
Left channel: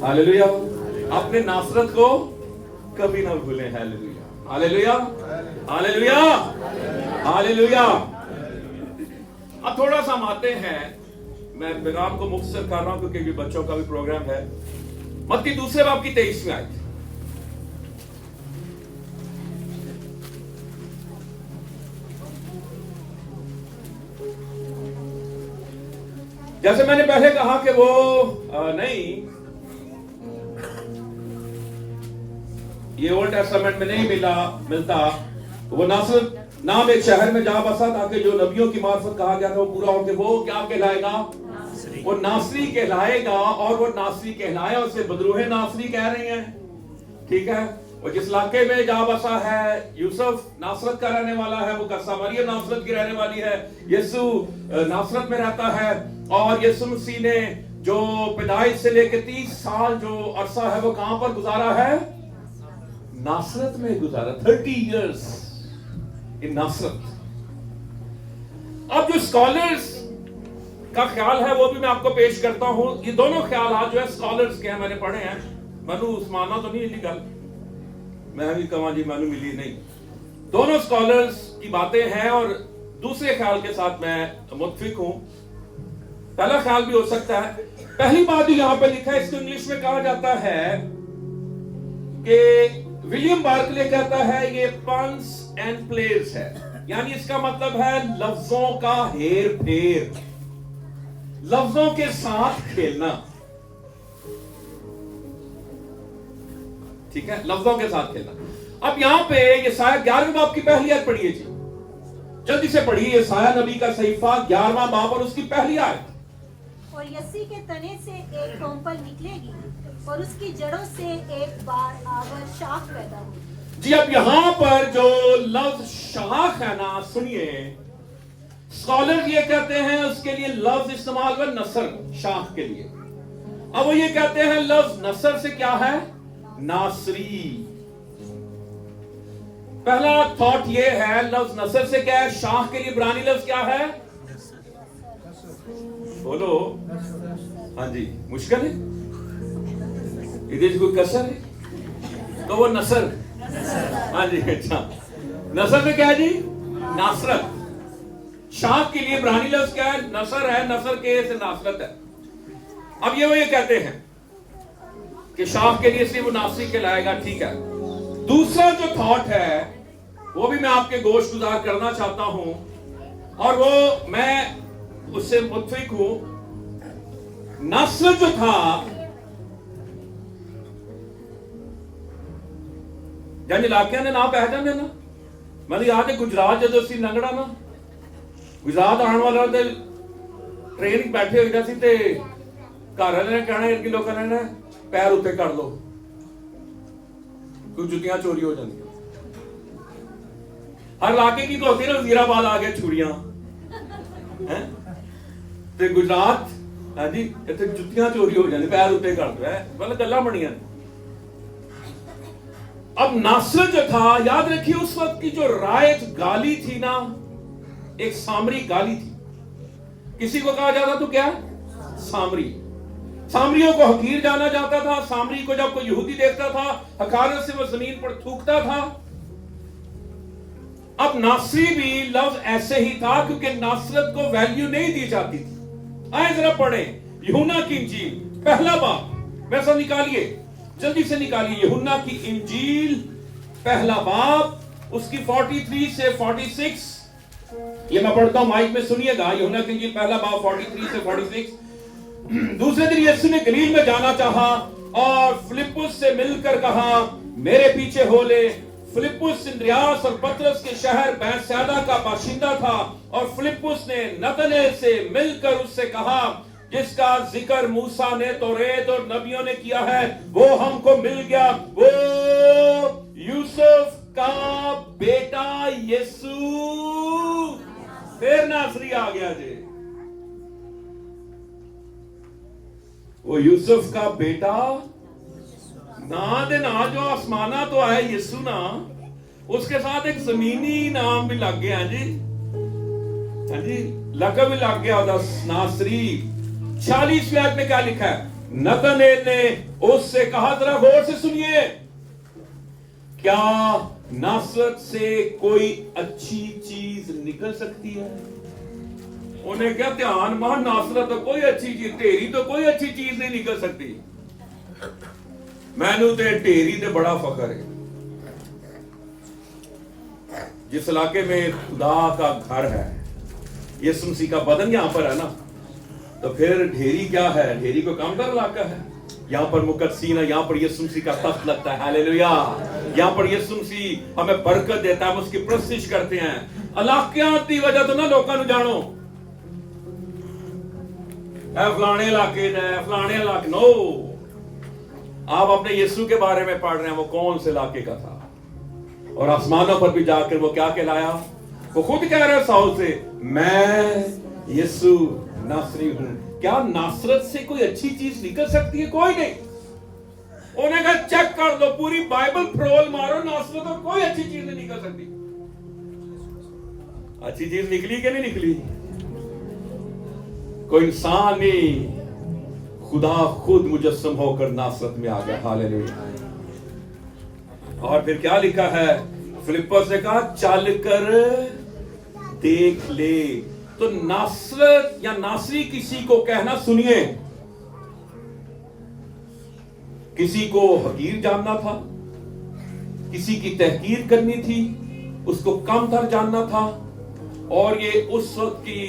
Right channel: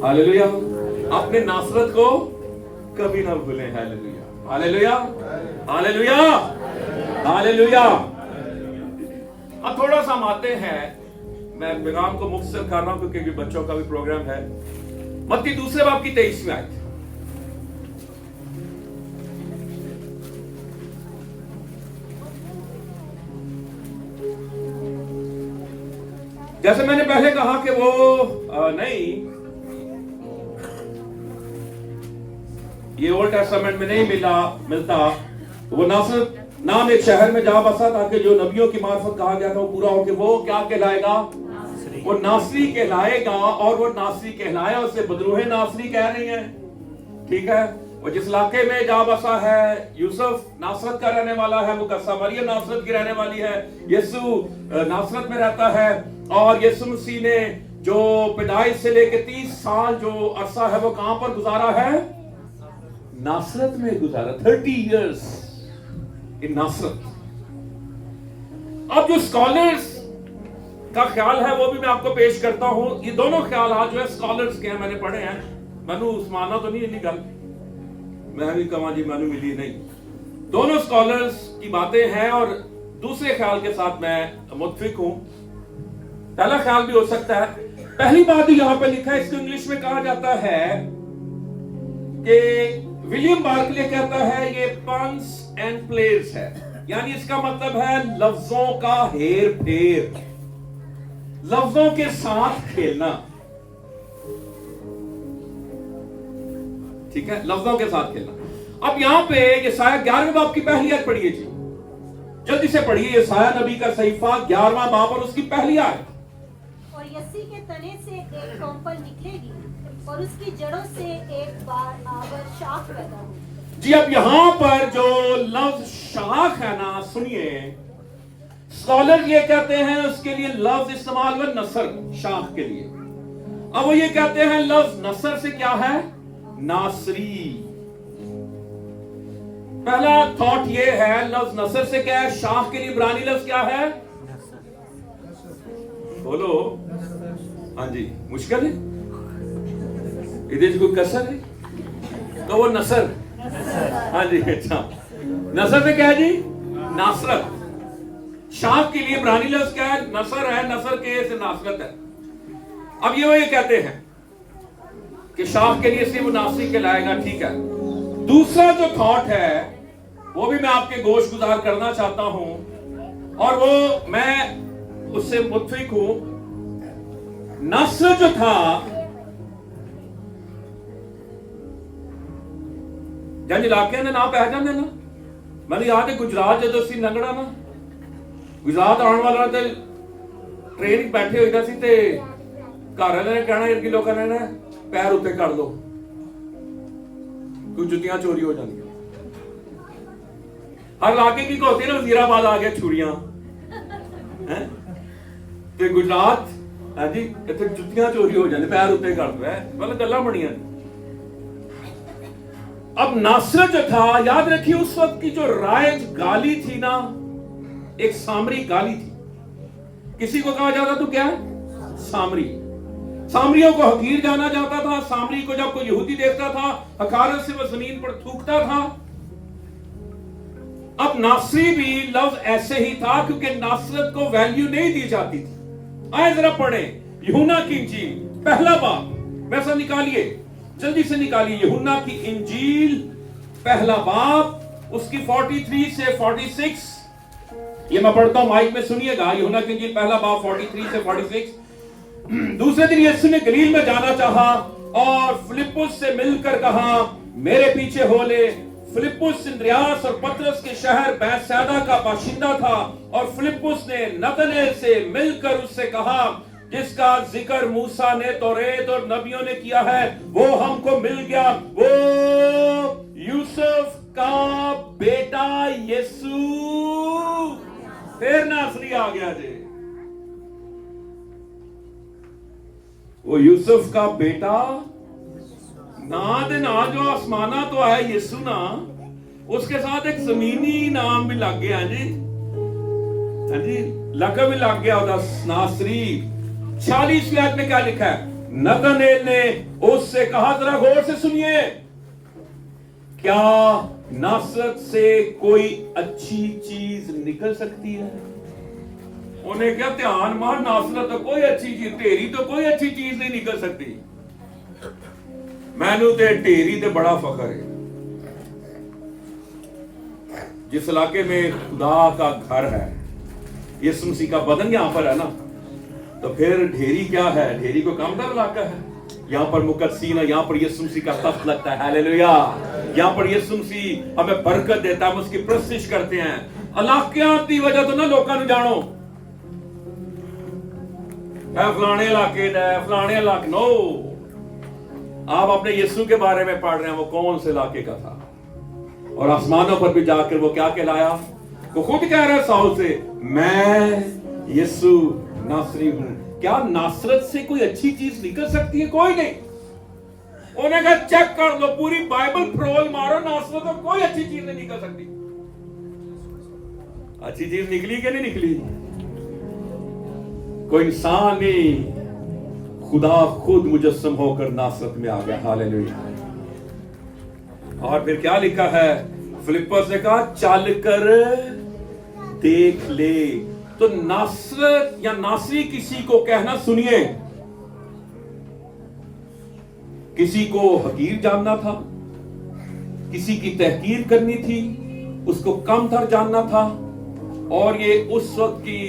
hallelujah. अपने नासरत को कभी ना भूलें। Hallelujah, hallelujah, hallelujah, hallelujah. अब थोड़ा सा हम आते हैं, मैं पैगाम को मुख्तसर कर रहा हूं क्योंकि बच्चों का भी प्रोग्राम है। मत्ती दूसरे बाब की 23वीं आयत। जैसे मैंने पहले कहा कि वो नहीं, ये ओल्ड टेस्टामेंट में नहीं मिलता। वो नासरत नाम एक शहर में जा बसा ताकि जो नबियों की मार्फत कहा गया था वो पूरा हो। कि वो क्या कहलाएगा? वो नासरी कहलाएगा। और वो नासरी कहलाए, उससे बदरूह नासरी कह रही हैं, ठीक है। वो जिस इलाके में जा बसा है, यूसुफ नासरत का रहने वाला है, वो सामरिया नासरत की रहने वाली है, यीशु नासरत में रहता है। और यीशु मसीह ने जो पैदाइश से लेकर 30 साल जो अरसा है वो कहां पर गुजारा है? नासरत में गुजारा। 30 इयर्स इन नासरत। अब जो स्कॉलर्स का ख्याल है वो भी मैं आपको पेश करता हूं। ये दोनों ख्याल जो है स्कॉलर्स के हैं, मैंने पढ़े हैं। मैनू उस्माना तो नहीं इतनी गल, मैं भी कमा जी मैनू मिली नहीं। दोनों स्कॉलर्स की बातें हैं और दूसरे ख्याल के साथ मैं मुत्फिक हूं। पहला ख्याल भी हो सकता है पहली बात जो यहां पे लिखा है, इसको इंग्लिश में कहा जाता है कि विलियम बार्कले कहता है ये पंस एंड प्लेस है, यानी इसका मतलब है लफ्जों का हेर फेर, लफ्जों के साथ खेलना। ठीक है, लफ्जों के साथ खेलना। अब यहां पे यसाया 11वें बाब की पहली आयत पढ़िए जी, जल्दी से पढ़िए। यसाया नबी का सहीफा 11वां बाब और उसकी पहली आयत। और यसी के तने से एक कोम्पल निकलेगी और उसकी जड़ों से एक बार आवर शाख पैदा होगी। जी, अब यहां पर जो लफ्ज शाख है ना, सुनिए, स्कॉलर ये कहते हैं उसके लिए लफ्ज इस्तेमाल हुआ नसर, शाख के लिए। अब वो ये कहते हैं लफ्ज नसर से क्या है, नासरी। पहला थॉट ये है, लफ्ज नसर से क्या है, शाख के लिए इब्रानी लफ्ज क्या है, बोलो, हाँ जी, मुश्किल है, इधर कोई कसर है तो वो नसर, हाँ जी, अच्छा, नसर में क्या है जी, नासरत। शाख के लिए इब्रानी लफ्ज क्या है, नसर है, नसर के से नासरत है। अब ये वो ये कहते हैं कि शाख के लिए सिर्फ वो नासरी कहलाएगा, ठीक है। दूसरा जो थॉट है वो भी मैं आपके गोश गुजार करना चाहता हूं, और वो मैं उससे मुत्फिक हूं। नस्र जो था, जन इलाके ने ना पै जाते ना, मैंने याद है गुजरात जो सी लंगड़ा ना, गुजरात आने वाला ते ट्रेन बैठे हुए सी ते घर वाले ने कहना कि लोगों ने पैर उत्ते कर दो, कुछ जुतियां चोरी हो जाती। हर इलाके की होती है ना, वजीराबाद आ गया छुरियां, ते गुजरात, हाँ जी, इतने जुतियां चोरी हो जाती, पैर उत्ते कर दो, मतलब गल्लां बड़ियां। अब नासर जो था, याद रखिए उस वक्त की जो राइज गाली थी ना, एक सामरी गाली थी। किसी को कहा जाता तो क्या, सामरी। सामरियों को हकीर जाना जाता था। सामरी को जब कोई यहूदी देखता था, हकारत से वो जमीन पर थूकता था। अब नासरी भी लफ्ज ऐसे ही था, क्योंकि नासरत को वैल्यू नहीं दी जाती थी। आए जरा पढ़े यूहन्ना की इंजील पहला बाब, वैसा निकालिए, जल्दी से निकालिए। यूहन्ना की इंजील पहला बाब, उसकी 43 से 46, ये मैं पढ़ता हूं, माइक में सुनिएगा। यूहन्ना की इंजील पहला बाब 43 से 46। दूसरे दिन यीशु ने गलील में जाना चाहा और फिलिप्पुस से मिलकर कहा, मेरे पीछे हो ले। फिलिप्पुस इंद्रियास और पतरस के शहर बैतसैदा का बाशिंदा था, और फिलिप्पुस ने नतनेल से मिलकर उससे कहा, जिसका जिक्र मूसा ने, तौरेत और नबियों ने किया है, वो हमको मिल गया, वो यूसुफ का बेटा यीशु। फिर नासरी आ गया जी, वो यूसुफ का बेटा ना दे ना, जो आसमाना तो है यीशु ना, उसके साथ एक जमीनी नाम भी लग गया जी, हाँ जी, लकब भी लग गया नासरी। 46 आयत में क्या लिखा है, नतनेल ने उससे कहा, जरा गौर से सुनिए, क्या नासरत से कोई अच्छी चीज निकल सकती है? उन्हें क्या ध्यान मार, नासरत तो कोई अच्छी चीज, ढेरी तो कोई अच्छी चीज नहीं निकल सकती। मैनू ते ढेरी ते बड़ा फखर है। जिस इलाके में खुदा का घर है, यीशु मसीह का बदन यहां पर है ना, तो फिर ढेरी क्या है, ढेरी को कम डर इलाका है। यहां पर मुकद्दसीन है, यहां पर यीशु मसीह का तख्त लगता है, हालेलुया। यहां पर यीशु मसीह हमें बरकत देता है, हम उसकी प्रस्तिश करते हैं। इलाकियां की वजह तो ना लोगों को जानो फलाने इलाके दा, फलाने इलाके, नो, आप अपने यीशु के बारे में पढ़ रहे हैं, वो कौन से इलाके का था, और आसमानों पर भी जाकर वो क्या कहलाया, वो खुद कह रहा है साउल से, मैं यीशु नासरी हूं। क्या नासरत से कोई अच्छी चीज निकल सकती है? कोई नहीं। उन्हें कहा चेक कर लो, पूरी बाइबल फ्रोल मारो, नासरत तो कोई अच्छी चीज नहीं निकल सकती। अच्छी चीज निकली कि नहीं निकली? कोई इंसान नहीं, खुदा खुद मुजस्सम होकर नासरत में आ गया, हालेलुया। और फिर क्या लिखा है, फिलिप्पुस ने कहा चल कर देख ले। तो नासरत या नासरी किसी को कहना, सुनिए, किसी को हकीर जानना था, किसी की तहकीर करनी थी, उसको कम तर जानना था, और ये उस वक्त की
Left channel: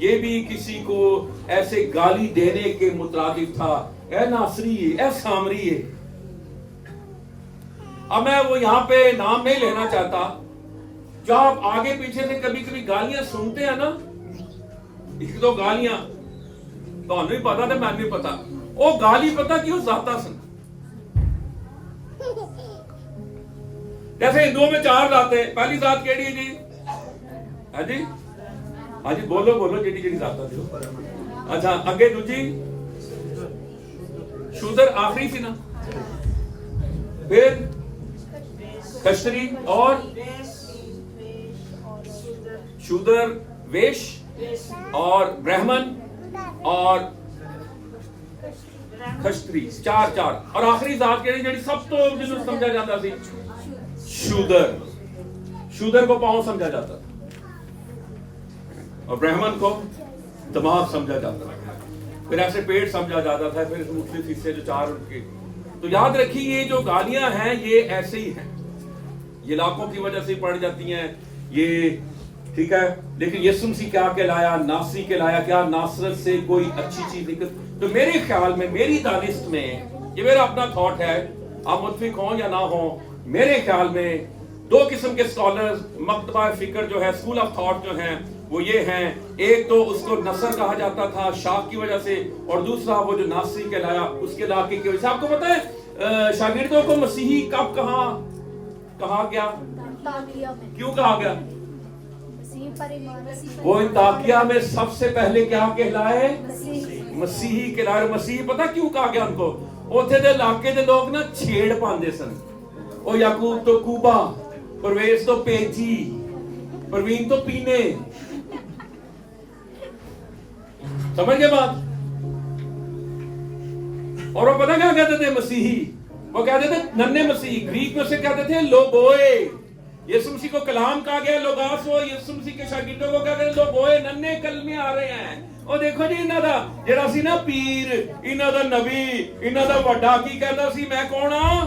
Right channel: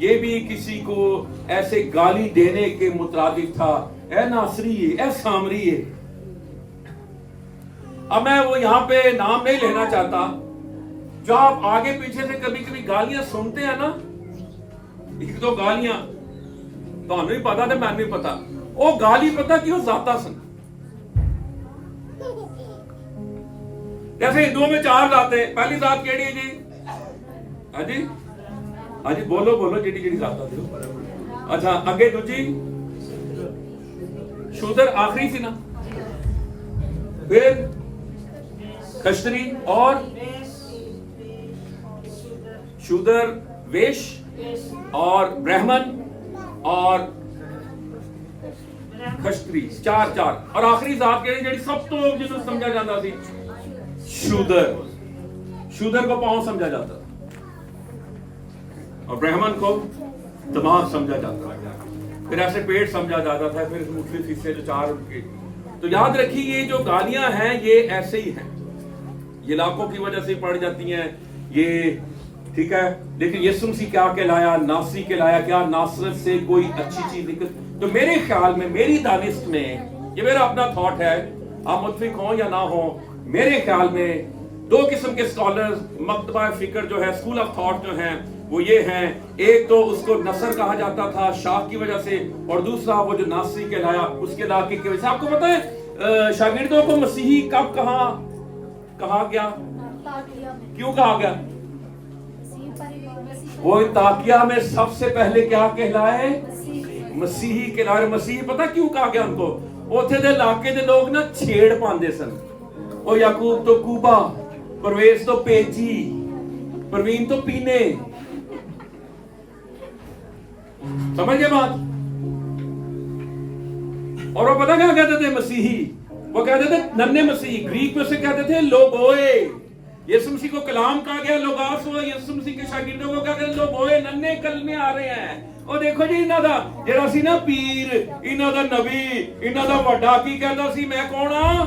ये भी किसी को ऐसे गाली देने के मुताबिक था, ए नासरी ए सामरी। अब मैं वो यहाँ पे नाम नहीं लेना चाहता, जो आप आगे पीछे से कभी कभी गालियां सुनते हैं ना, एक दो गालियां तो नहीं पता तो मैं नहीं पता, वो गाली पता क्यों जाता सन। जैसे हिंदुओं में 4 जाते हैं, पहली जात केड़ी है जी? हाँ जी, हाँ जी, बोलो बोलो जेडी जेडी जाता दियो। अच्छा, अगे दूजी शूदर आखिरी थी ना, फिर खश्तरी और शूदर वेश और ब्राह्मण और खश्तरी, 4 और आखिरी जात केड़ी जेडी सब तो जिन्होंने समझा जाता सी शूदर को पांव समझा जाता था और ब्राह्मण को दिमाग समझा जाता था, फिर ऐसे पेट समझा जाता था, फिर मुख्तलिफ हिस्से जो 4 उनके। तो याद रखिए ये जो गालियां हैं ये ऐसे ही हैं, ये इलाकों की वजह से पड़ जाती हैं ये, ठीक है। लेकिन यीशु मसीह क्या कहलाया? नासरी कहलाया। क्या नासरत से कोई अच्छी चीज निकल? तो मेरे ख्याल में, मेरी दानिश में, ये मेरा अपना थॉट है, आप मुतफिक हो या ना हो, मेरे ख्याल में 2 किस्म के स्कॉलर्स, मकतबा फिक्र जो है, स्कूल ऑफ थॉट जो है वो ये हैं, एक तो उसको नसर कहा जाता था शाख की वजह से, और दूसरा वो जो नासरी कहलाया उसके इलाके की वजह से। आपको पता है शागिर्दों को मसीही कब कहा गया, क्यों कहा गया? वो अंताकिया में सबसे पहले क्या कहलाए? मसीही कहलाए। मसीही पता क्यों कहा गया उनको? उथे दे इलाके दे लोग ना छेड़ पांदे सन, ओ याकूब तो कूबा, परवेज तो पेजी, परवीन तो पीने, समझ गए बात? और वो पता क्या कहते थे मसीही? वो कहते थे नन्हे मसीही, ग्रीक में से कहते थे लोगोए। यीशु मसीह को कलाम कहा गया लोगास, वो यीशु मसीह के शागिर्दों को कहते हैं लोगोए, नन्हे कलमे आ रहे हैं। और देखो जी इन्हां दा जेड़ा सी ना पीर, इन्हां दा नबी, इन्हां दा वड्डा की कहता सी, मैं कौन हां?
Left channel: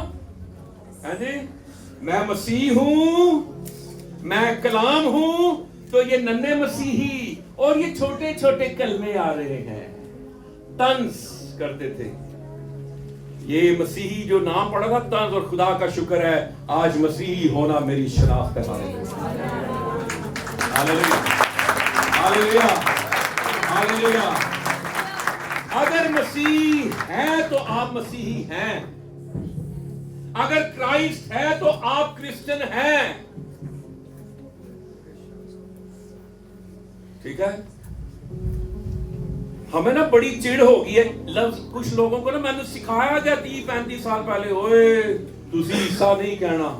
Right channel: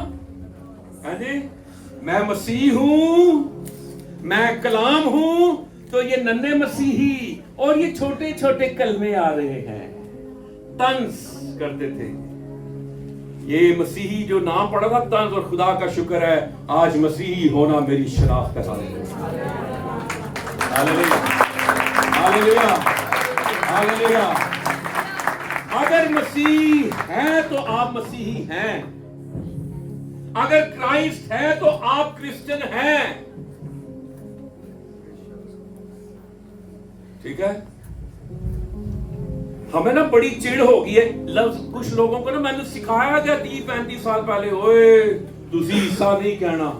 हां जी, मैं मसीह हूं, मैं कलाम हूं। तो ये नन्हे मसीही और ये छोटे छोटे कलमे आ रहे हैं, तंस करते थे। ये मसीही जो नाम पड़ा था तंज, और खुदा का शुक्र है आज मसीही होना मेरी शनाख्त है। Hallelujah, hallelujah, hallelujah. अगर मसीह है तो आप मसीही हैं, अगर क्राइस्ट है तो आप क्रिश्चियन हैं, ठीक है। हमें ना बड़ी चिड़ हो गई है लफ्ज, कुछ लोगों को ना मैंने सिखाया क्या 30-35 साल पहले, ओए तुसी ईसा नहीं कहना,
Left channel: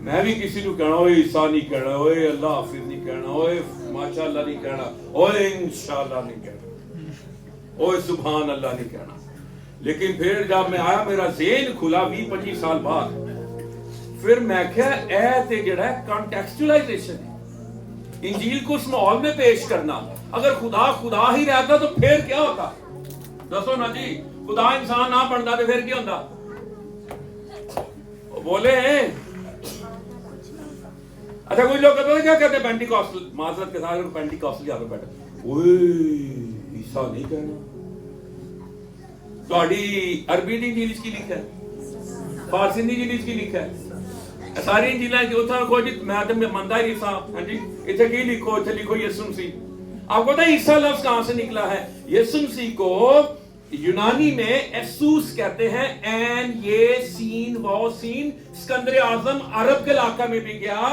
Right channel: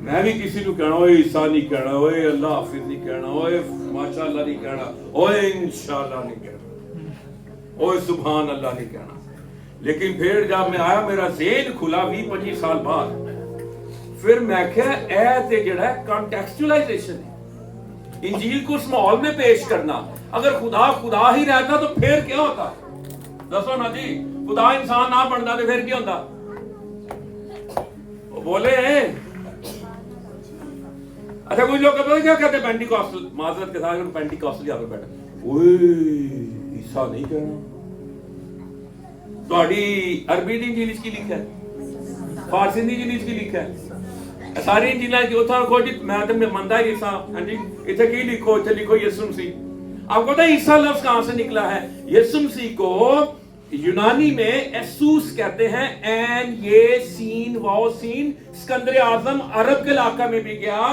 मैं भी किसी को कहना ओए ईसा नहीं कहना, ओए अल्लाह हाफिज नहीं कहना, ओए माशाअल्लाह नहीं कहना, ओए इंशाअल्लाह नहीं कहना, ओए सुभान अल्लाह नहीं कहना। लेकिन फिर जब मैं आया, मेरा ज़हन खुला 20-25 साल बाद, फिर मैं क्या ए ते जेड़ा है कॉन्टेक्सचुअलाइजेशन है, इंजील को उस माहौल में पेश करना। अगर खुदा ही रहता तो फिर क्या होता? दसो ना जी, खुदा इंसान ना बनता तो फिर क्या होता? बोले अच्छा कुछ लोग कहते हैं क्या कहते हैं पेंटिकॉस्टल, माजरत के साथ पेंटिकॉस्टल यहाँ पे बैठा, ओए ईसा नहीं कहना। तो अरबी दी इंजील की लिखा है, फारसी दी इंजील की लिखा है, सारी इंजीलां की उठा रखो जी, मैं तो मनदा ही ईसा, हां जी इथे की लिखो, इथे लिखो यीशु मसीह। आपको पता है ईसा लफ्ज कहां से निकला है? यीशु मसीह को यूनानी में एसूस कहते हैं, एन ये सीन वाओ सीन, सिकंदर आजम अरब के इलाका में भी गया,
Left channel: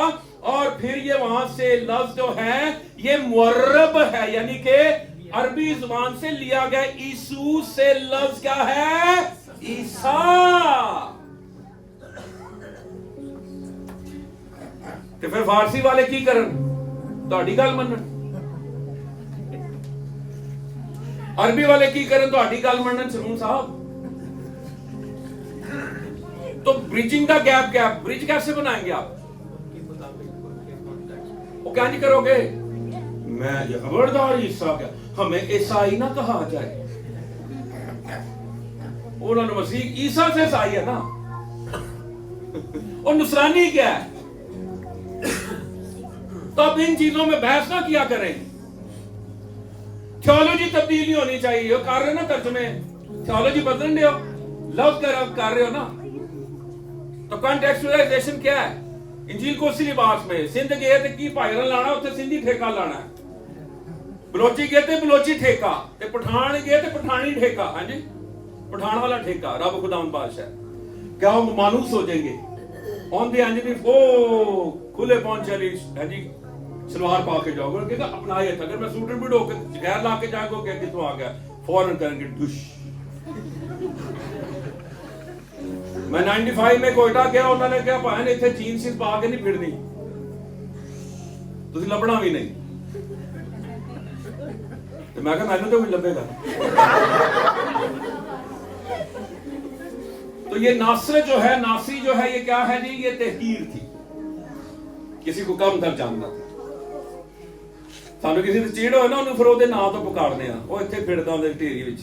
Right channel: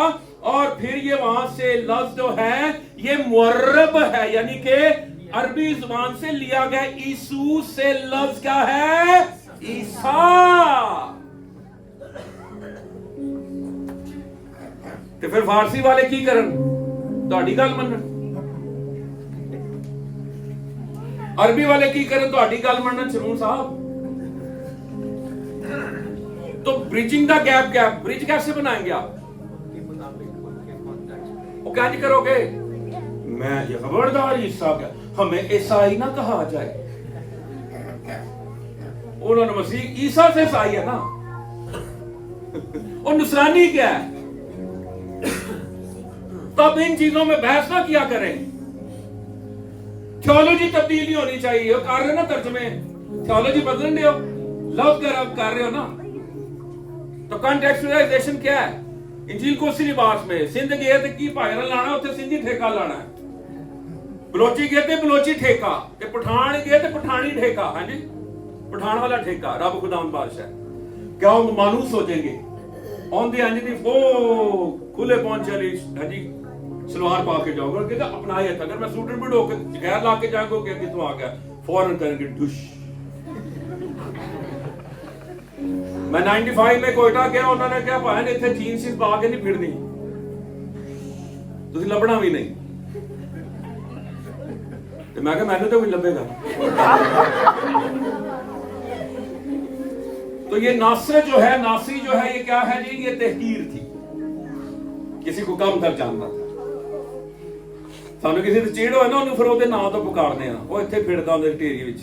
और फिर ये वहां से लफ्ज जो है ये मुअर्रब है, यानी कि अरबी जुबान से लिया गया। ईसू से लफ्ज क्या है? ईसा। तो फिर फारसी वाले की करन? ਤੁਹਾਡੀ ਗੱਲ ਮੰਨਣ। अरबी वाले की करन? ਤੁਹਾਡੀ ਗੱਲ ਮੰਨਣ सलून साहब। तो ब्रिजिंग द गैप, ब्रिज कैसे बनाएंगे आप? वो क्या नहीं करोगे? मैं ये खबरदार ईसा क्या, हमें ईसाई ना कहा जाए। उन्होंने मसीह ईसा से ईसाई है ना। और नुसरानी क्या है? तो अब इन चीजों में बहस ना किया करें। थियोलॉजी तब्दीली होनी चाहिए। कर रहे हो ना तर्जुमे, थियोलॉजी बदल रहे हो, लफ्ज कर रहे हो ना। तो कॉन्टेक्चुअलाइजेशन क्या है? इंजील को उसी लिबास में सिंध गए थे की भाईरा लाना, उत्थे सिंधी ठेका लाना है। बलोची गए थे बलोची ठेका, ते पठान गए थे पठानी ठेका। हाँ जी, पठान वाला ठेका। रब खुदावंद बादशाह, क्या वो मानूस हो जाएंगे? ऑन दी अंजनी वो खुले पहुंच चली है जी, सलवार पा के जाओगे, कहते अपना ही था। अगर मैं सूट भी ढोके गैर ला के जाएगा, क्या कितों आ गया, फौरन करेंगे डुश। मैं 95 में कोयटा गया, उन्होंने क्या पाया ने इतने जीन्स इस पा के नहीं फिरनी, तुसी लभना भी नहीं। तो मैं कहा मैंने तो भी लभेगा। तो ये नासर जो है, नासी जो है, ये क्या है जी? ये तहकीर थी, किसी को कम तक जानना था। ਸਾਨੂੰ ਕਿਸੇ ਤੇ ਚੀੜ ਹੋਏ ਨਾ, ਉਹਨੂੰ ਫਿਰ ਉਹਦੇ ਨਾਂ ਤੋਂ ਪੁਕਾਰਦੇ ਆ। ਉਹ ਇੱਥੇ ਫਿਰਦਾ ਹੁੰਦਾ ਢੇਰੀ ਵਿੱਚ,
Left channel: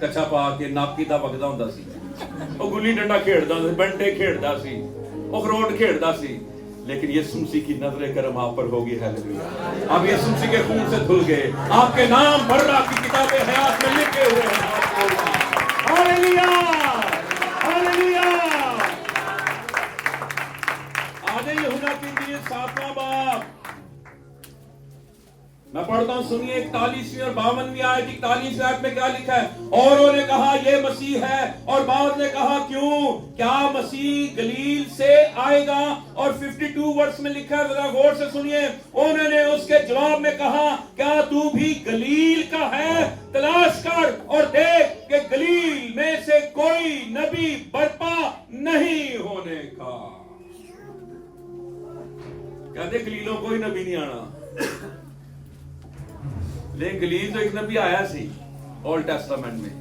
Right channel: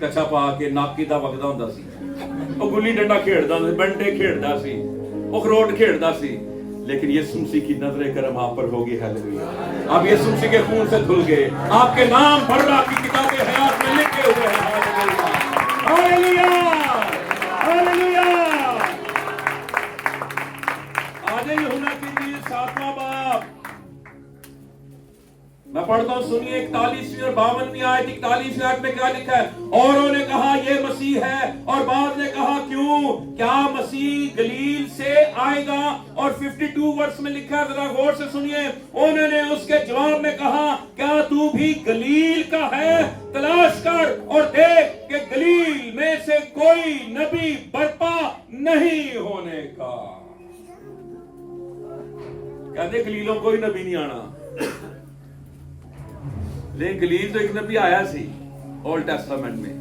ਕੱਛਾ ਪਾ ਕੇ, ਨਾਕੀ ਦਾ ਵਗਦਾ ਹੁੰਦਾ ਸੀ। ਉਹ ਗੁੱਲੀ ਡੰਡਾ ਖੇਡਦਾ ਸੀ, ਬੰਟੇ ਖੇਡਦਾ ਸੀ, ਉਹ ਖਰੋਟ ਖੇਡਦਾ ਸੀ। लेकिन यीशु मसीह की नजर करम आप पर होगी। हालेलुया। आप यीशु मसीह के खून से धुल गए, आपके नाम बर्रा की किताबे हयात में लिखे हुए हैं। Hallelujah, hallelujah. आज यूहन्ना की इंजील 7वां बाब मैं पढ़ता हूं, सुनिए 41वीं और 52वीं आयत। 41वीं आयत में क्या लिखा है? और उन्होंने कहा ये मसीह है, और बाद ने कहा क्यों, क्या मसीह गलील से आएगा? और 52 वर्ष में लिखा है, जरा गौर से सुनिए। उन्होंने उसके जवाब में कहा, क्या तू भी गलील का है? तलाश कर और देख कि गलील में से कोई नबी बर्पा नहीं होने का। कहते गलीलों कोई नबी नहीं आना, लेकिन गलील तो एक नबी आया सी ओल्ड टेस्टामेंट में,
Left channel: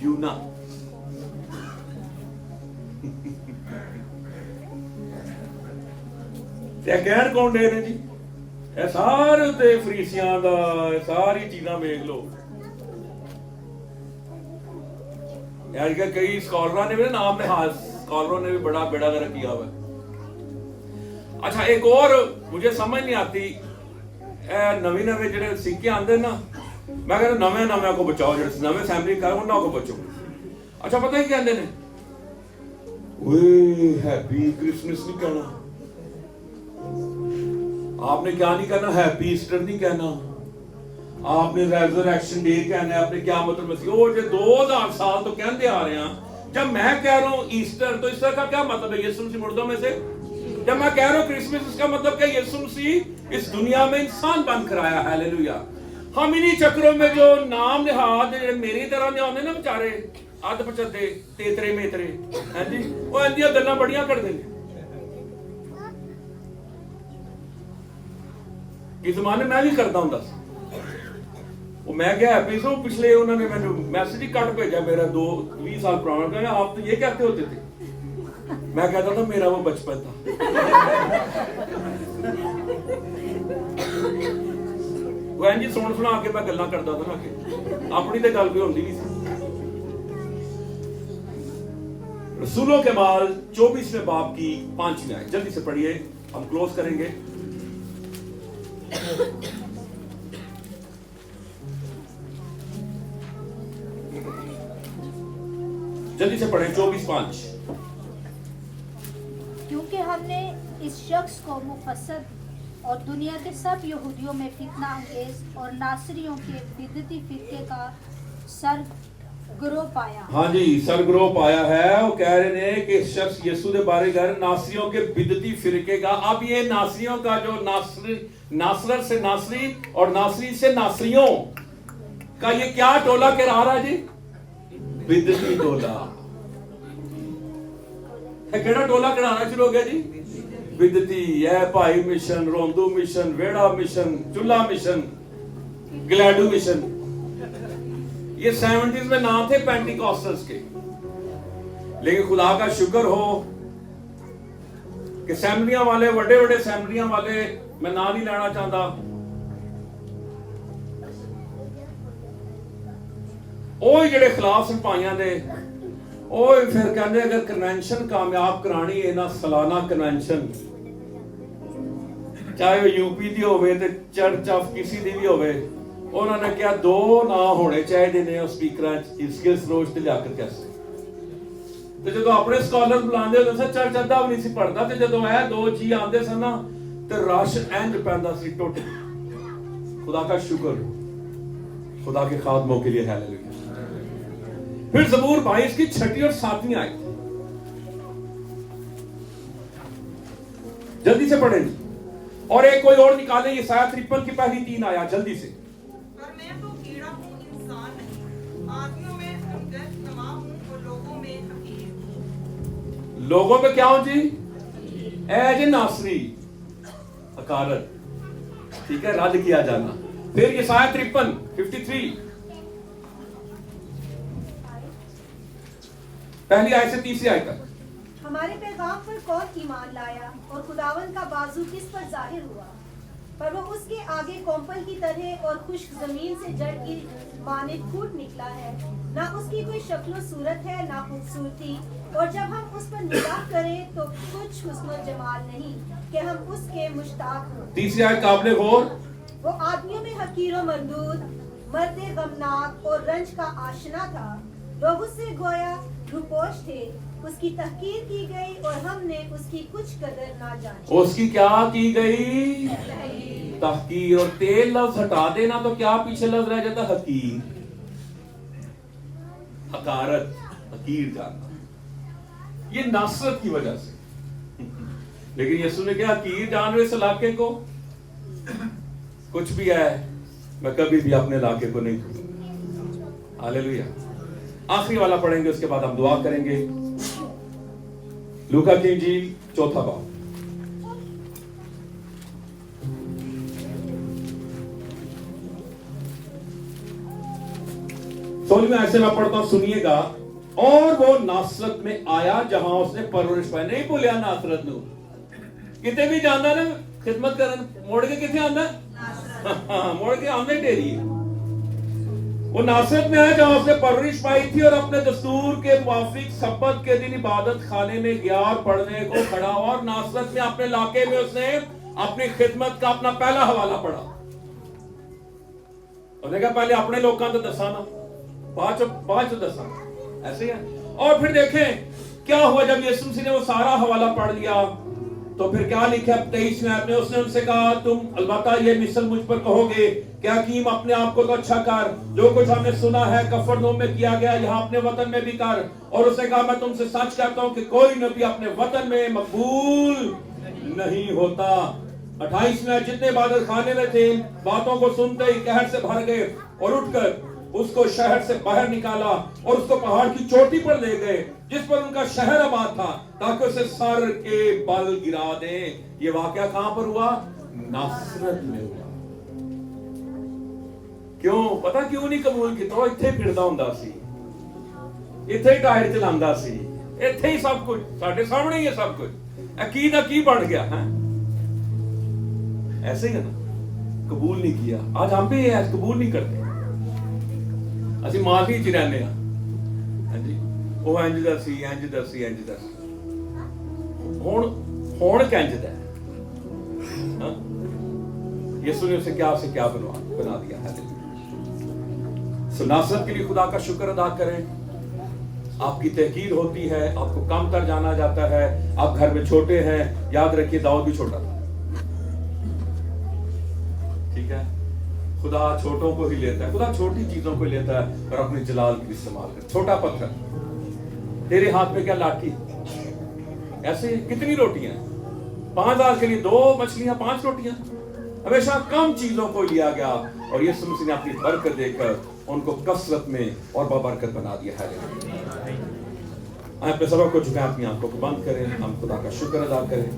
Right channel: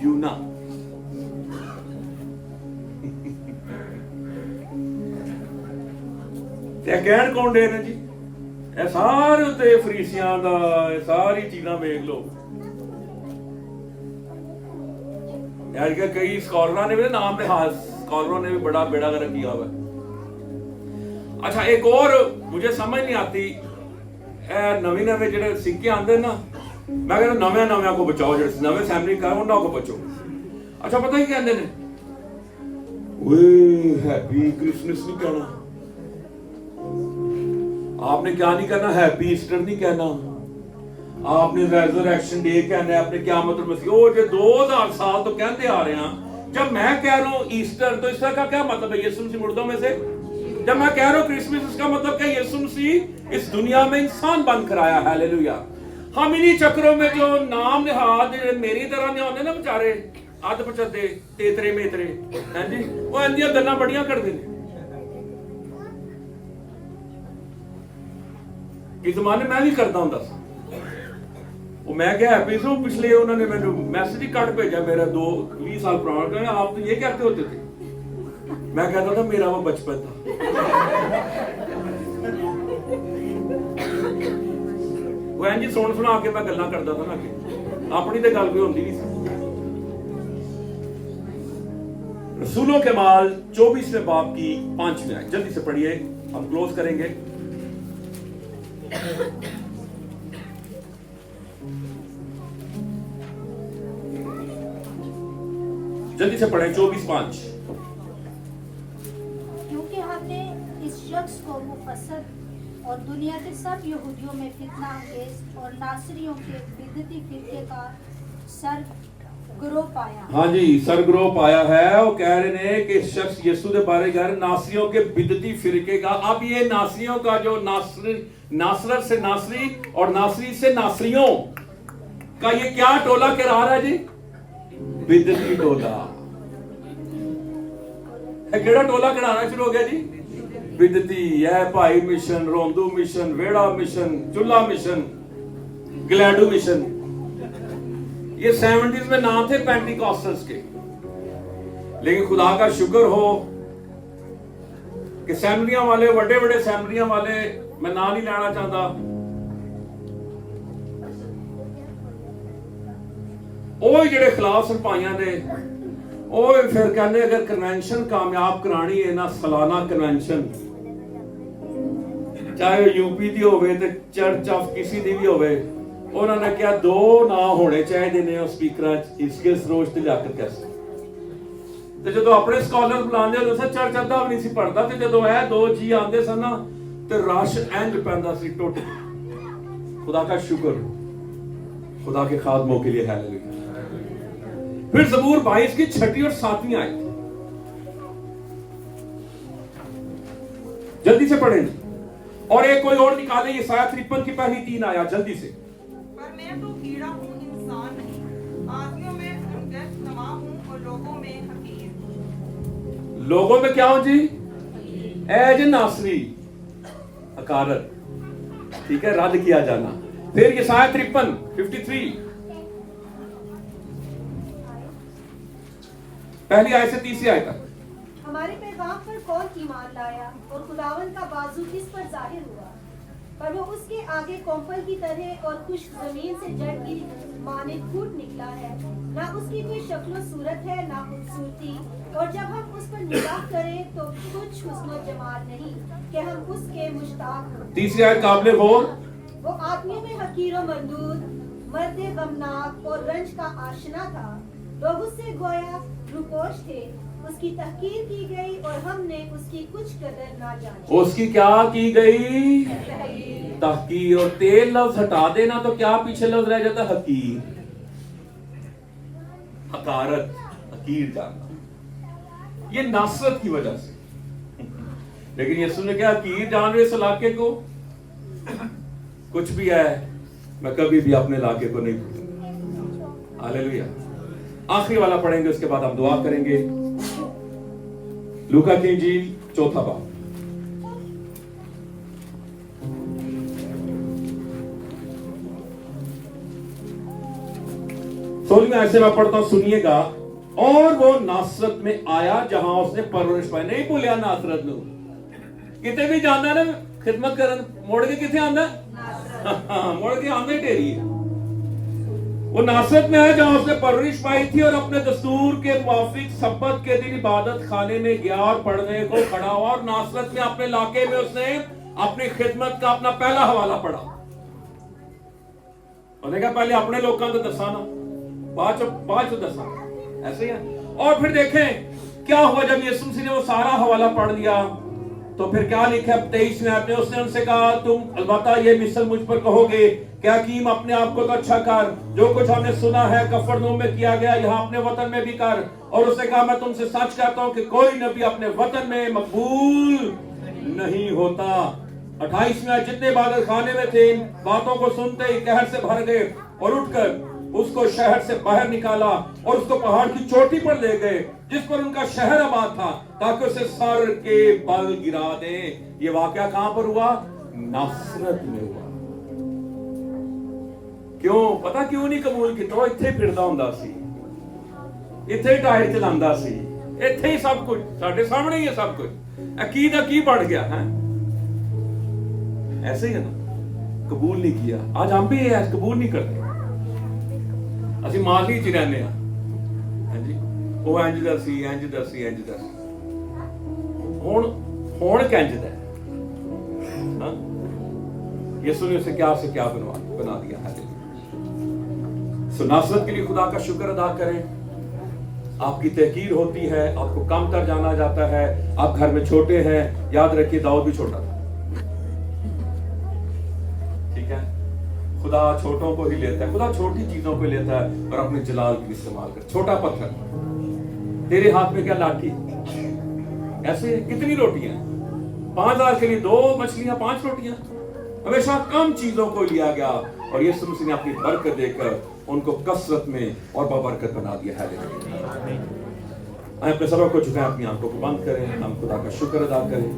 यूना। कहण कौन दे ने जी? ਇਹ ਸਾਰੇ ਉੱਤੇ ਫਰੀਸੀਆਂ ਦਾ, ਇਹ ਸਾਰੀ ਚੀਜ਼ਾਂ ਵੇਖ ਲਓ। यार क्या कई स्कॉलरों ने भी नाम में, हाँ स्कॉलरों ने भी बड़ा बेड़ा गर्क किया हुआ। अच्छा एक और मुझे समझ नहीं आती, नवे नवे जेडे सिक्के आंदे ना, मैं कहना नवे नवे को बचाओ, जेडे नवे फैमिली का उन्होंने को बचो। अच्छा पता ही कहते ने, ओए हैप्पी क्रिसमस नहीं कहना, आपने क्या नहीं कहना, हैप्पी ईस्टर नहीं कहना, आपने रेजरेक्शन डे कहना है, आपने क्या मतलब मसीह। वो जो 2000 साल तो कहते आ रहे हैं। जब मैं कह रहा हूं ईस्टर, तो ईस्टर का क्या मतलब है? यीशु मसीह मुर्दों में से। जब मैं कह रहा हूं क्रिसमस, इसका मतलब क्या? यीशु मसीह इस दुनिया में इंसान बन कर आया। हालेलुया। हम इन्हीं चक्रों में जो नाम निहाद मेरी तरह ने होने ना बेचारे अध पचदे तेतरे मेतरे हैं जी, वो इंदियां गल्लां बड़ियां करते हैं। इस जमाने मैं भी करता हूं दस, वो मैं क्या हैप्पी से पिछले उन्होंने मैंने मैसेज ही काट भेजा मेरा 20 साल पुराना, आप तो ये कहते होते थे। मैं कहता था मेरा वो बचपन था। वो इंज सुन सुना के मैं गल्लां करता था ना, कि अपनी तो गल कोई होंदी नहीं सी। रसूलों के माल 24वें बाब की 5वीं आयत, जल्दी से पढ़िए, हम क्लोज करेंगे। जल्दी से पढ़ें 24:5। क्योंकि हमने इस शख्स को मुफस्सद और दुनिया के सब यहूदियों में फितना अंगेज और नासरियों के बिदती फिरके का सरगरोह पाया। हाँ जी, सरगरोह पाया है। वो कह रहे हैं कि शख्स यीशु के बारे में नासरियों के बिदती फिरके का। अब ये नासरियों का जो नासरत से नासरी और नासरी से नासरियों का ये क्या टोला कह रहा है जी? बिदती टोला। केड़ा टोला कढ़ाना शुरू हो गया जी? बिदती है। भाई मिशन, रोंदू मिशन, वेड़ा मिशन, चुल्ला मिशन, ग्लैडू मिशन, ये 70s में नाम थे पेंटिकॉस्टल्स के। लेकिन खुदा का शुक्र हो कि सैमरियां वाले, बड़े बड़े सैमरियां वाले, मैं नाम नहीं लेना चाहता, ਉਹ ਜਿਹੜੇ ਖਿਲਾਫ ਸਿਪਾਹੀਆਂ ਦੇ اوے پھر کہنے اگر کنونشن کامیاب کرانی ہے نا سالانہ کنونشن چاہے وہ یو پی دی ہوئے تے چرچ آف کسی دی بھی ہوئے انہوں نے کیا 2 نا ہونے چاہیے نے اسپیکراں اس کے سروج تے لیاقت کیسے تے جدوں اپنے سکالر بلاندے ہو سر چرچ ادھا بھی نہیں سی پڑھدا تے جدوں اے 2 جی آندے سن نا تے رش انج پیندا سی ٹوٹ خدا کا شکر خدا کے خادموں کے لیے ہاللویا پھر زبور 22 کی 6 اور 7 آیت جلدی سے پڑھیں اور ایک کوئی اور نکالیں یہ سایہ 53 کی پہلی 3 آیات جلدی سے پر میں تو کیڑا ہوں انسان نہیں آدمیوں میں ہمدرد نما ہوں اور لوگوں میں حقیر لوگوں میں کیا ہوں جی اے جی ناصری حقارت ٹھیک ہے رد کیا جانا پھر یہ سایہ 53 پہلی آیت سے 30 آیت تک ہمارے پیغام پر کون ایمان لایا اور خداوند کا بازو کس پر ظاہر ہوا پر وہ اس کے آگے کومپل کی طرح اور خشک زمین سے جڑ کی مانند پھوٹ نکلا ہے نہ اس کی کوئی شکل و صورت ہے نہ خوبصورتی اور جب ہم اس پر نگاہ کریں تو کچھ حسن و جمال نہیں کہ ہم اس کے مشتاق ہوں تیسری آیت قابل غور وہ آدمیوں میں حقیر و مردود مرد غمناک اور رنج کا آشنا تھا لوگ اس سے گویا روپوش تھے اس کی تحقیر کی گئی اور ہم نے اس کی کچھ قدر نہ جانی اس کی کیا کی گئی تحقیر اور تیل لفظ ہٹا دینا تو کیا پیچھے لفظ رہ جاتا حقیر حقارت حقیر جاننا یہ ناصرت کی وجہ سے لیکن یسوع نے کیا حقیر جان رہے اس علاقے کو کچھ بھی ہے میں کبھی بھی اپنے علاقے کو نہیں بھولوں گا ہاللیلویا آخری والا پڑھیں گے اس کے بعد ہم دعا کریں گے لوکا کی انجیل 4 باب میں ایسے میں پڑھتا ہوں سنیے گا اور وہ ناصرت میں آیا جہاں اس نے پرورش پائی نہیں بھولیا ناصرت نو کتے بھی جانا نا خدمت کرن موڑ کے کتے آندا موڑ کے آندے ٹیری ہے وہ ناصرت میں آیا جہاں اس نے پرورش پائی تھی اور اپنے دستور کے موافق سبت کے دن عبادت خانے میں گیا اور پڑھنے کو کھڑا ہوا اور ناصرت میں اپنے علاقے میں اس نے اپنی خدمت کا اپنا پہلا حوالہ پڑھا اور نے کہا پہلے اپنے لوگوں کو دسانا بعد چ دسا ایسے ہے اور پھر دیکھیں کیا ہوا جب یسوع مسیح نے وہ سارا حوالہ پڑھ لیا تو پھر کیا لکھا 23 میں آپ نے اس نے ان سے کہا تم البتہ یہ مثل مجھ پر کہو گے کہ حکیم اپنے آپ کو تو اچھا کر جو کچھ ہم نے سنا ہے کفرنہوم میں کیا گیا یہاں اپنے وطن میں بھی کر اور اس نے کہا میں تم سے سچ کہتا ہوں کہ کوئی نبی اپنے وطن میں مقبول نہیں ہوتا 28 میں جتنے عبادت خانے میں تھے باتوں کو سنتے ہی قہر سے بھر گئے اور اٹھ کر اس کو شہر سے باہر نکالا اور اس کو پہاڑ کی چوٹی پر لے گئے جس پر ان کا شہر آباد تھا تاکہ اسے سر کے بل گرا دیں یہ واقعہ کہاں پر ہوا ناصرت میں ہوا کیوں پتا کیوں نہیں قبول کی تو اتھے پھردا ہوندا سی اتھے ٹائر چلاندا سی اتھے ہی سب کچھ ساڈے سامنے ہی ہے سب کچھ عقیدہ کی بڑھ گیا ہے ایسے ہی ہے نا قبول نہیں کیا آج ہم بھی قبول نہیں کرتے اسی ماضی چ رہنے ہاں جی وہ انج دا سی ہن کنج دا ہاں یسوع نے اسے کیا بنا دیا ہے سو ناصرت کے لیے خدا کا شکر ادا کریں آپ کی تحقیر ہوتی ہے آپ کو کم تر جانا جاتا ہے آپ گھر میں چھوٹے ہیں یاد رکھیے داؤد بھی چھوٹا تھا ٹھیک ہے خدا چھوٹوں کو ہی لیتا ہے خدا چھوٹی چیزوں کو لیتا ہے اور اپنے جلال کے لیے استعمال کرتا ہے چھوٹا پتھر تیرے ہاتھ میں کیا لاٹھی ایسے کتنی روٹیاں 5000 کے لیے 2 مچھلیاں 5 روٹیاں ہمیشہ کم چیزوں کو لیا گیا اور یسوع مسیح نے اپنی برکت دے کر ان کو کثرت میں اور بابرکت بنا دیا ہے اپنے سبب کو جھکائیں اپنی آنکھوں کو بند کریں ہم خدا کا شکر ادا کریں